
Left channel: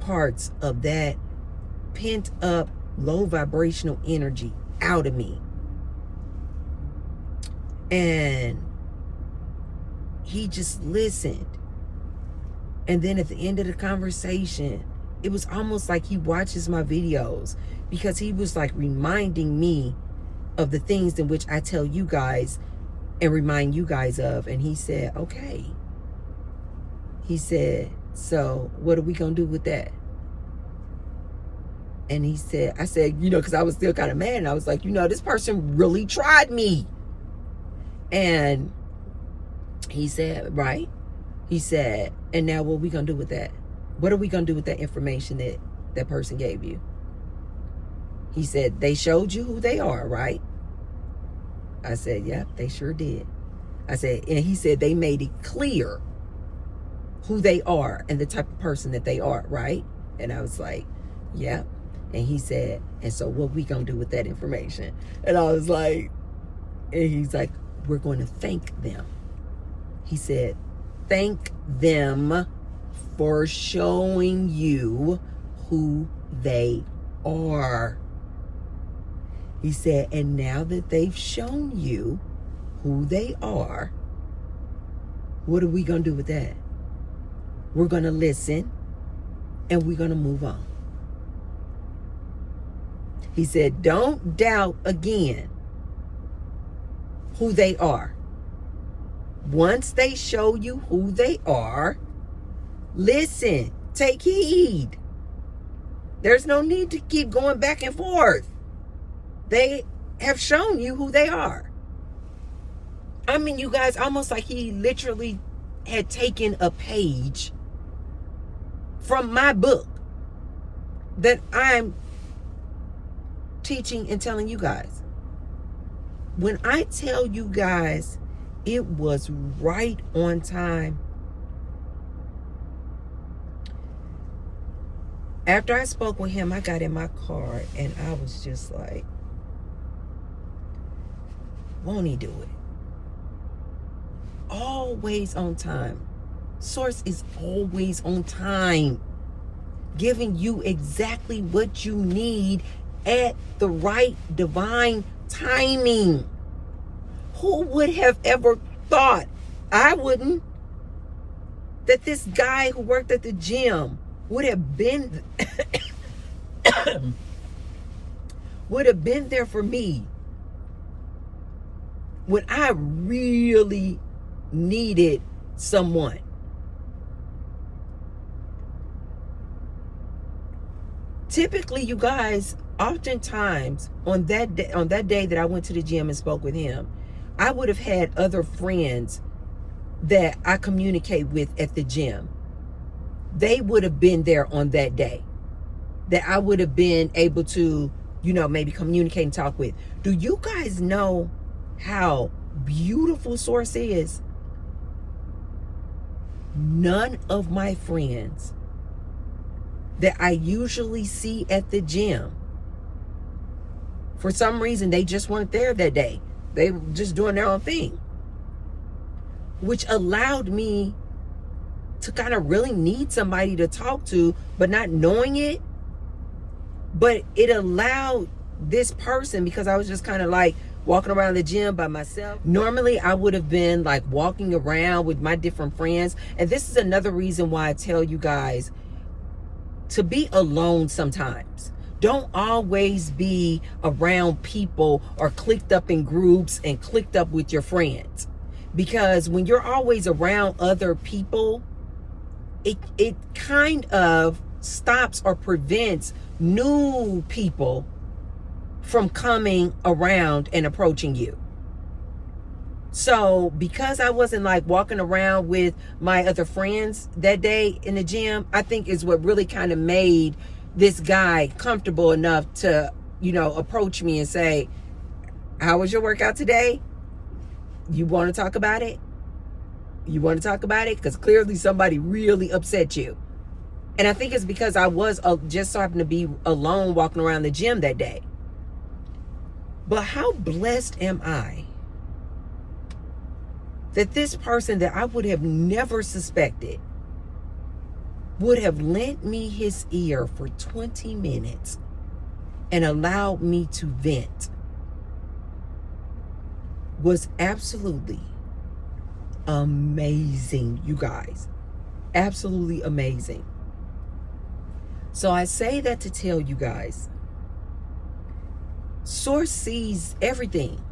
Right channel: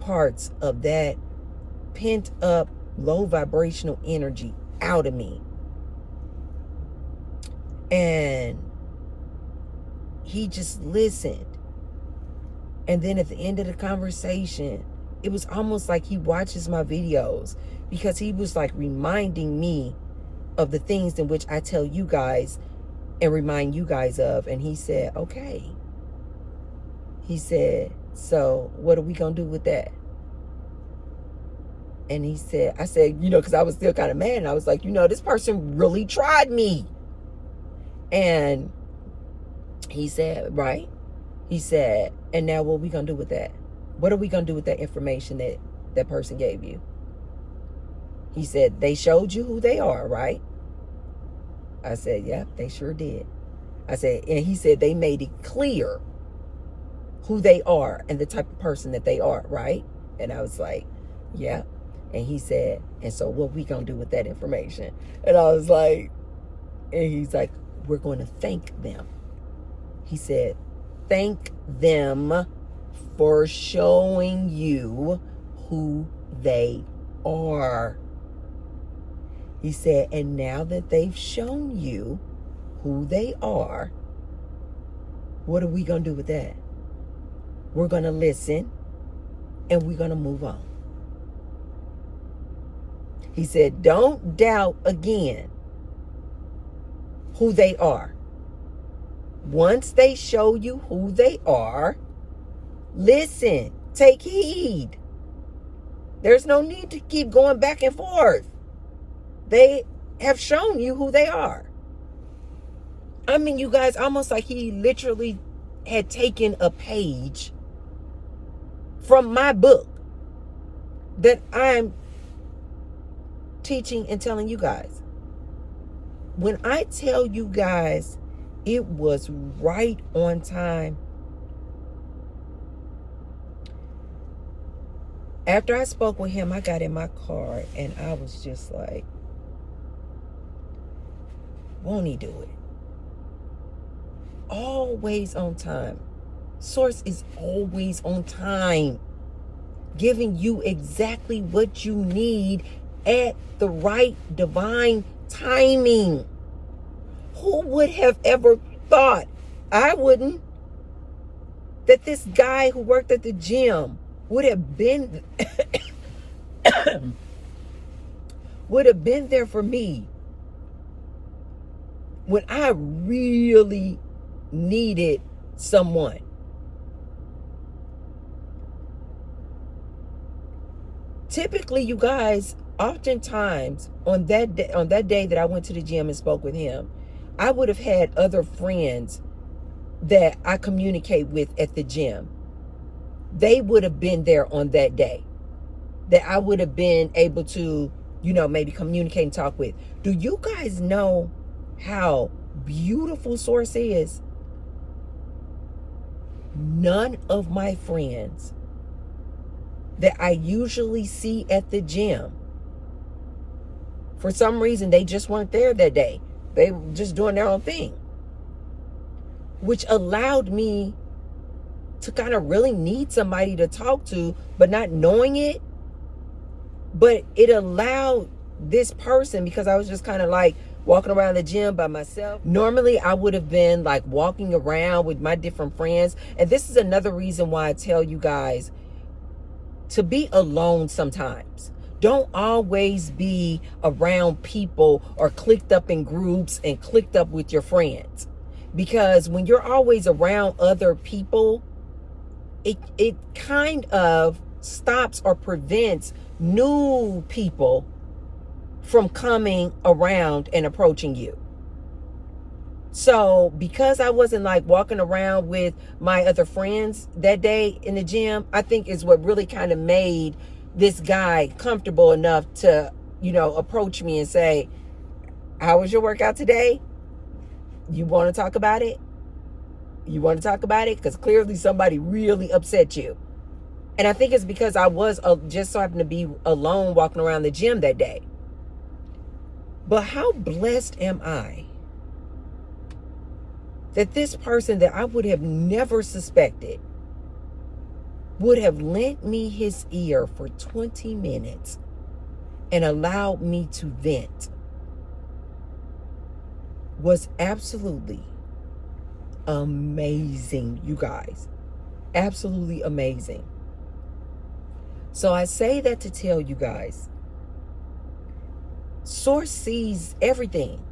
parts of that pent up low vibrational energy out of me. And he just listened. And then at the end of the conversation, it was almost like he watches my videos, because he was like reminding me of the things in which I tell you guys and remind you guys of. And he said, okay, He said, so what are we going to do with that? And he said, I said, because I was still kind of mad. And I was like, this person really tried me. And he said, right. He said, and now what are we going to do with that? What are we going to do with that information that that person gave you? He said, they showed you who they are, right? I said, yep, they sure did. I said, and he said, they made it clear who they are and the type of person that they are, right? And I was like, yeah. And he said, and so what we gonna do with that information? And I was like, and he's like, we're going to thank them. He said, thank them for showing you who they are. He said, and now that they've shown you who they are, what are we going to do with that? We're going to listen and we're going to move on. He said, don't doubt again who they are. Once they show you who they are, listen, take heed. There's no need to keep going back and forth. They have shown you who they are. I mean, you guys, almost like he literally had taken a page from my book that I'm teaching and telling you guys. When I tell you guys, it was right on time. After I spoke with him, I got in my car and I was just like, won't he do it? Always on time. Source is always on time, giving you exactly what you need at the right divine timing. Who would have ever thought, I wouldn't, that this guy who worked at the gym would have been there for me when I really needed someone. Typically, you guys, oftentimes on that day that I went to the gym and spoke with him, I would have had other friends that I communicate with at the gym. They would have been there on that day that I would have been able to, maybe communicate and talk with. Do you guys know how beautiful Source is? None of my friends that I usually see at the gym, for some reason, they just weren't there that day. They were just doing their own thing, which allowed me to kind of really need somebody to talk to, but not knowing it. But it allowed this person, because I was just kind of like walking around the gym by myself. Normally, I would have been like walking around with my different friends. And this is another reason why I tell you guys to be alone sometimes. Don't always be around people or clicked up in groups and clicked up with your friends. Because when you're always around other people, it kind of stops or prevents new people from coming around and approaching you. So because I wasn't like walking around with my other friends that day in the gym, I think is what really kind of made this guy comfortable enough to, approach me and say, how was your workout today? You want to talk about it? You want to talk about it? Because clearly somebody really upset you. And I think it's because I was just so happened to be alone walking around the gym that day. But how blessed am I that this person that I would have never suspected would have lent me his ear for 20 minutes and allowed me to vent. Was absolutely amazing, you guys. Absolutely amazing. So I say that to tell you guys, Source sees everything.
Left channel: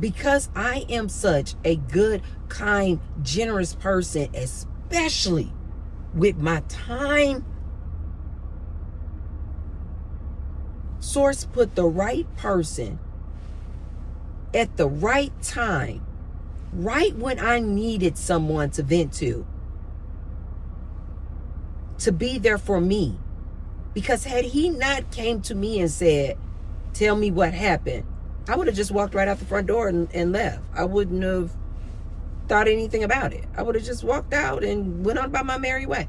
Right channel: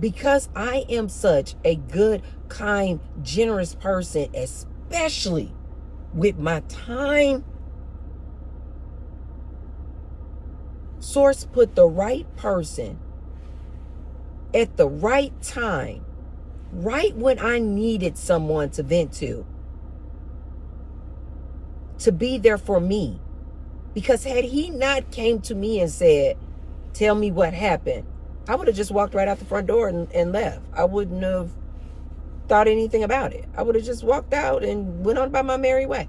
Because I am such a good, kind, generous person, especially with my time, Source put the right person at the right time, right when I needed someone to vent to be there for me. Because had he not came to me and said, tell me what happened, I would have just walked right out the front door and left. I wouldn't have thought anything about it. I would have just walked out and went on by my merry way.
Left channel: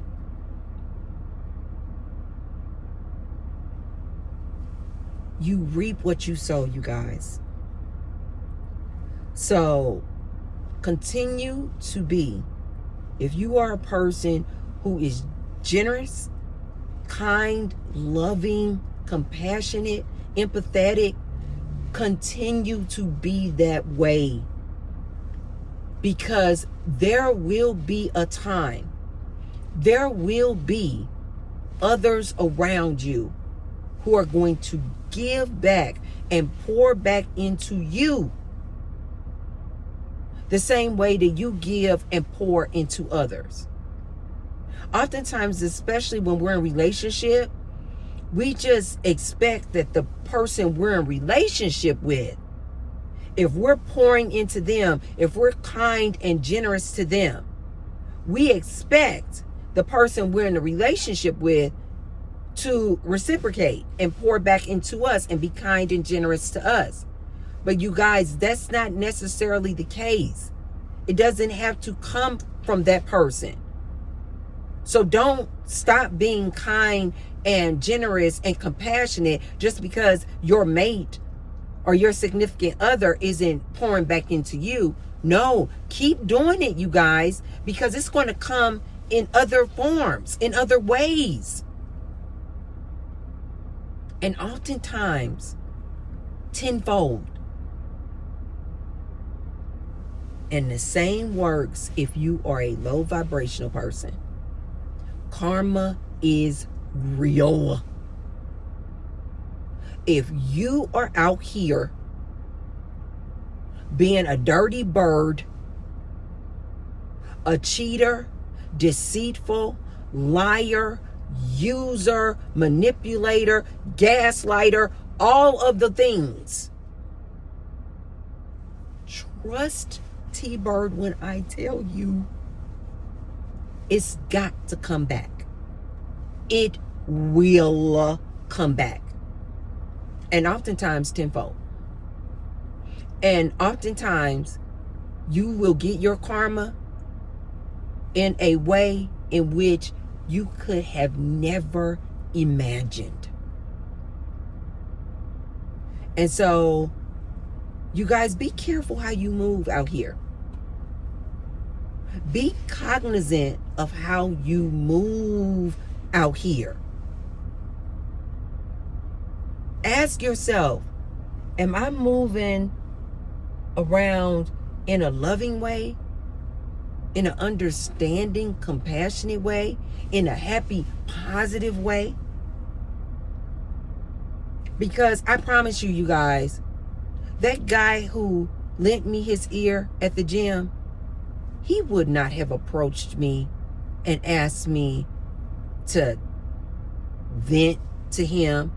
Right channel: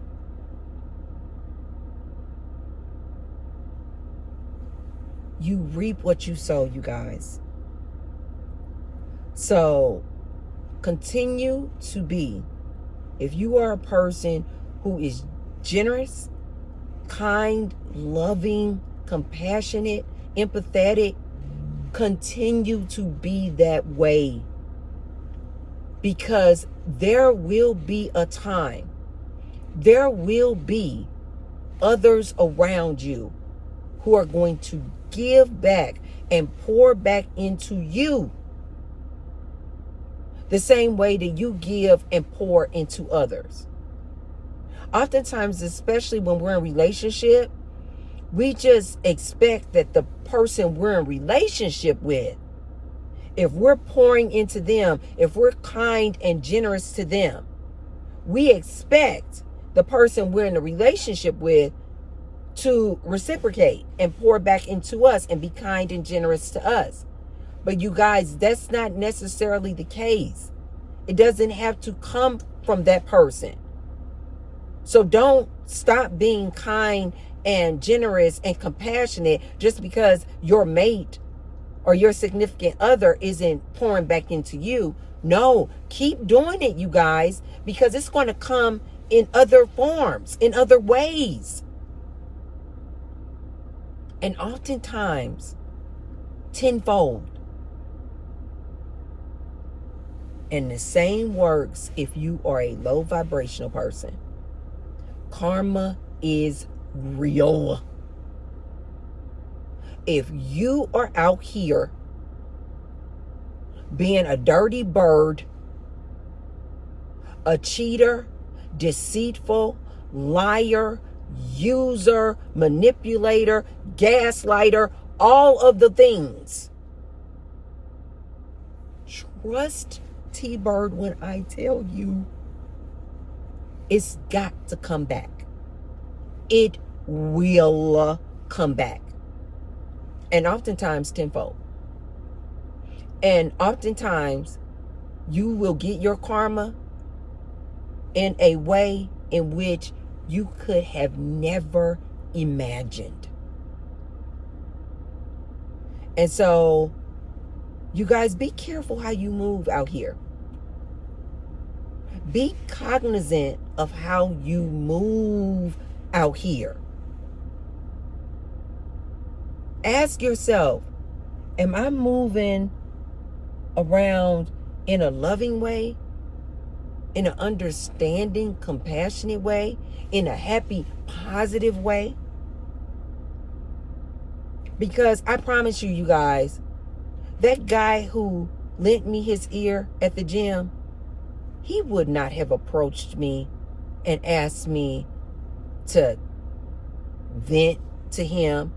You reap what you sow, you guys. So continue to be, if you are a person who is generous, kind, loving, compassionate, empathetic, continue to be that way. Because there will be a time, there will be others around you who are going to give back and pour back into you the same way that you give and pour into others. Oftentimes, especially when we're in relationship, we just expect that the person we're in relationship with, if we're pouring into them, if we're kind and generous to them, we expect the person we're in a relationship with to reciprocate and pour back into us and be kind and generous to us. But you guys, that's not necessarily the case. It doesn't have to come from that person. So don't stop being kind and generous and compassionate just because your mate or your significant other isn't pouring back into you. No, keep doing it, you guys, because it's going to come in other forms, in other ways. And oftentimes, tenfold. And the same works if you are a low vibrational person. Karma is real. If you are out here being a dirty bird, a cheater, deceitful, liar, user, manipulator, gaslighter, all of the things, trust T-Bird when I tell you it's got to come back. It will come back. And oftentimes tenfold. And oftentimes you will get your karma in a way in which you could have never imagined. And so, you guys, be careful how you move out here. Be cognizant of how you move out here. Ask yourself, am I moving around in a loving way? In an understanding, compassionate way? In a happy, positive way? Because I promise you, you guys, that guy who lent me his ear at the gym, he would not have approached me and asked me to vent to him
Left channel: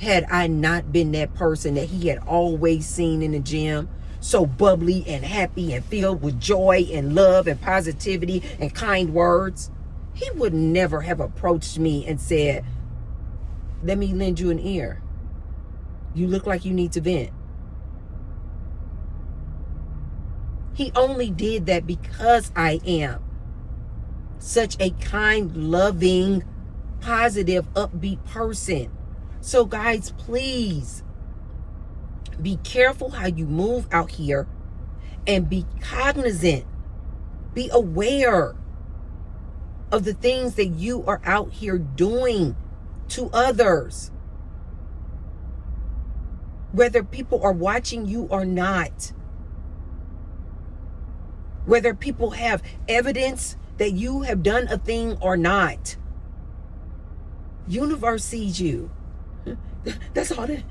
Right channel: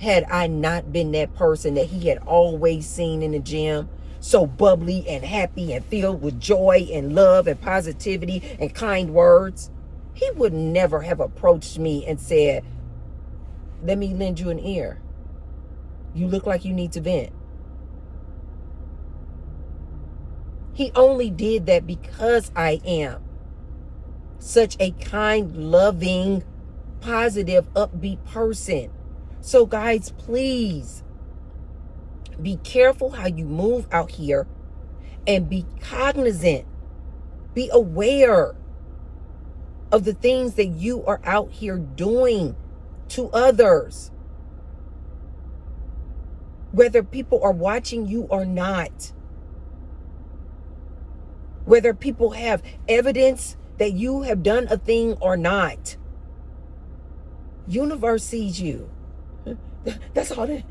had I not been that person that he had always seen in the gym, so bubbly and happy and filled with joy and love and positivity and kind words. He would never have approached me and said, let me lend you an ear. You look like you need to vent. He only did that because I am such a kind, loving, positive, upbeat person. So guys, please be careful how you move out here and be cognizant. Be aware of the things that you are out here doing to others. Whether people are watching you or not. Whether people have evidence that you have done a thing or not. Universe sees you. That's all that.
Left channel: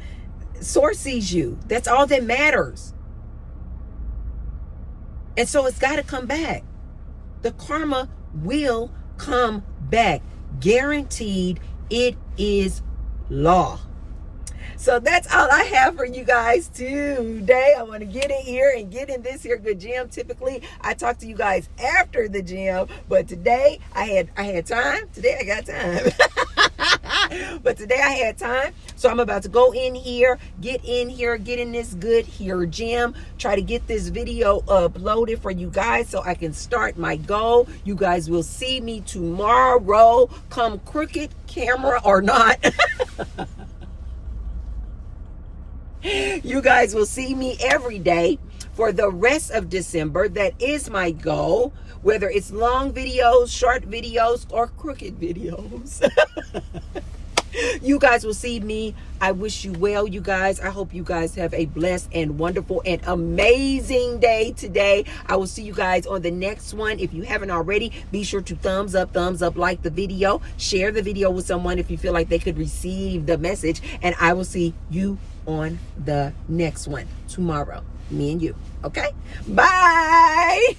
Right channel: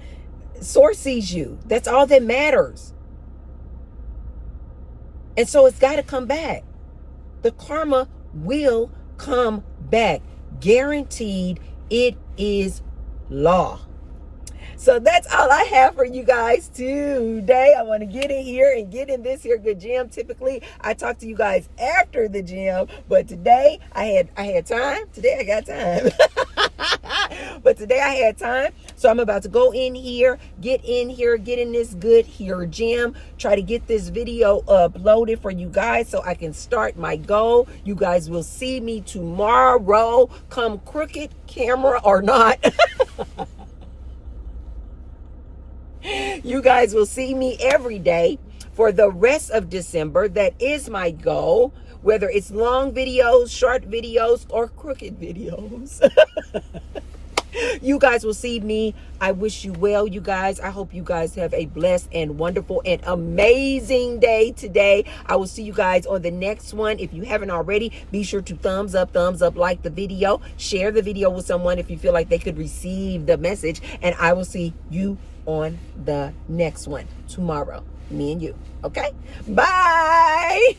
Source sees you. That's all that matters. And so it's got to come back. The karma will come back. Guaranteed. It is law. So that's all I have for you guys today. I want to get in here and get in this here good gym. Typically, I talk to you guys after the gym, but today I had time. Today I got time. But today I had time. So I'm about to go in here, get in this good here gym, try to get this video uploaded for you guys so I can start my goal. You guys will see me tomorrow, come crooked camera or not. You guys will see me every day for the rest of December. That is my goal, whether it's long videos, short videos, or crooked videos. You guys will see me. I wish you well, you guys. I hope you guys have a blessed and wonderful and amazing day today. I will see you guys on the next one. If you haven't already, be sure to thumbs up, like the video. Share the video with someone if you feel like they could receive the message. And I will see you on the next one tomorrow. Me and you. Okay? Bye.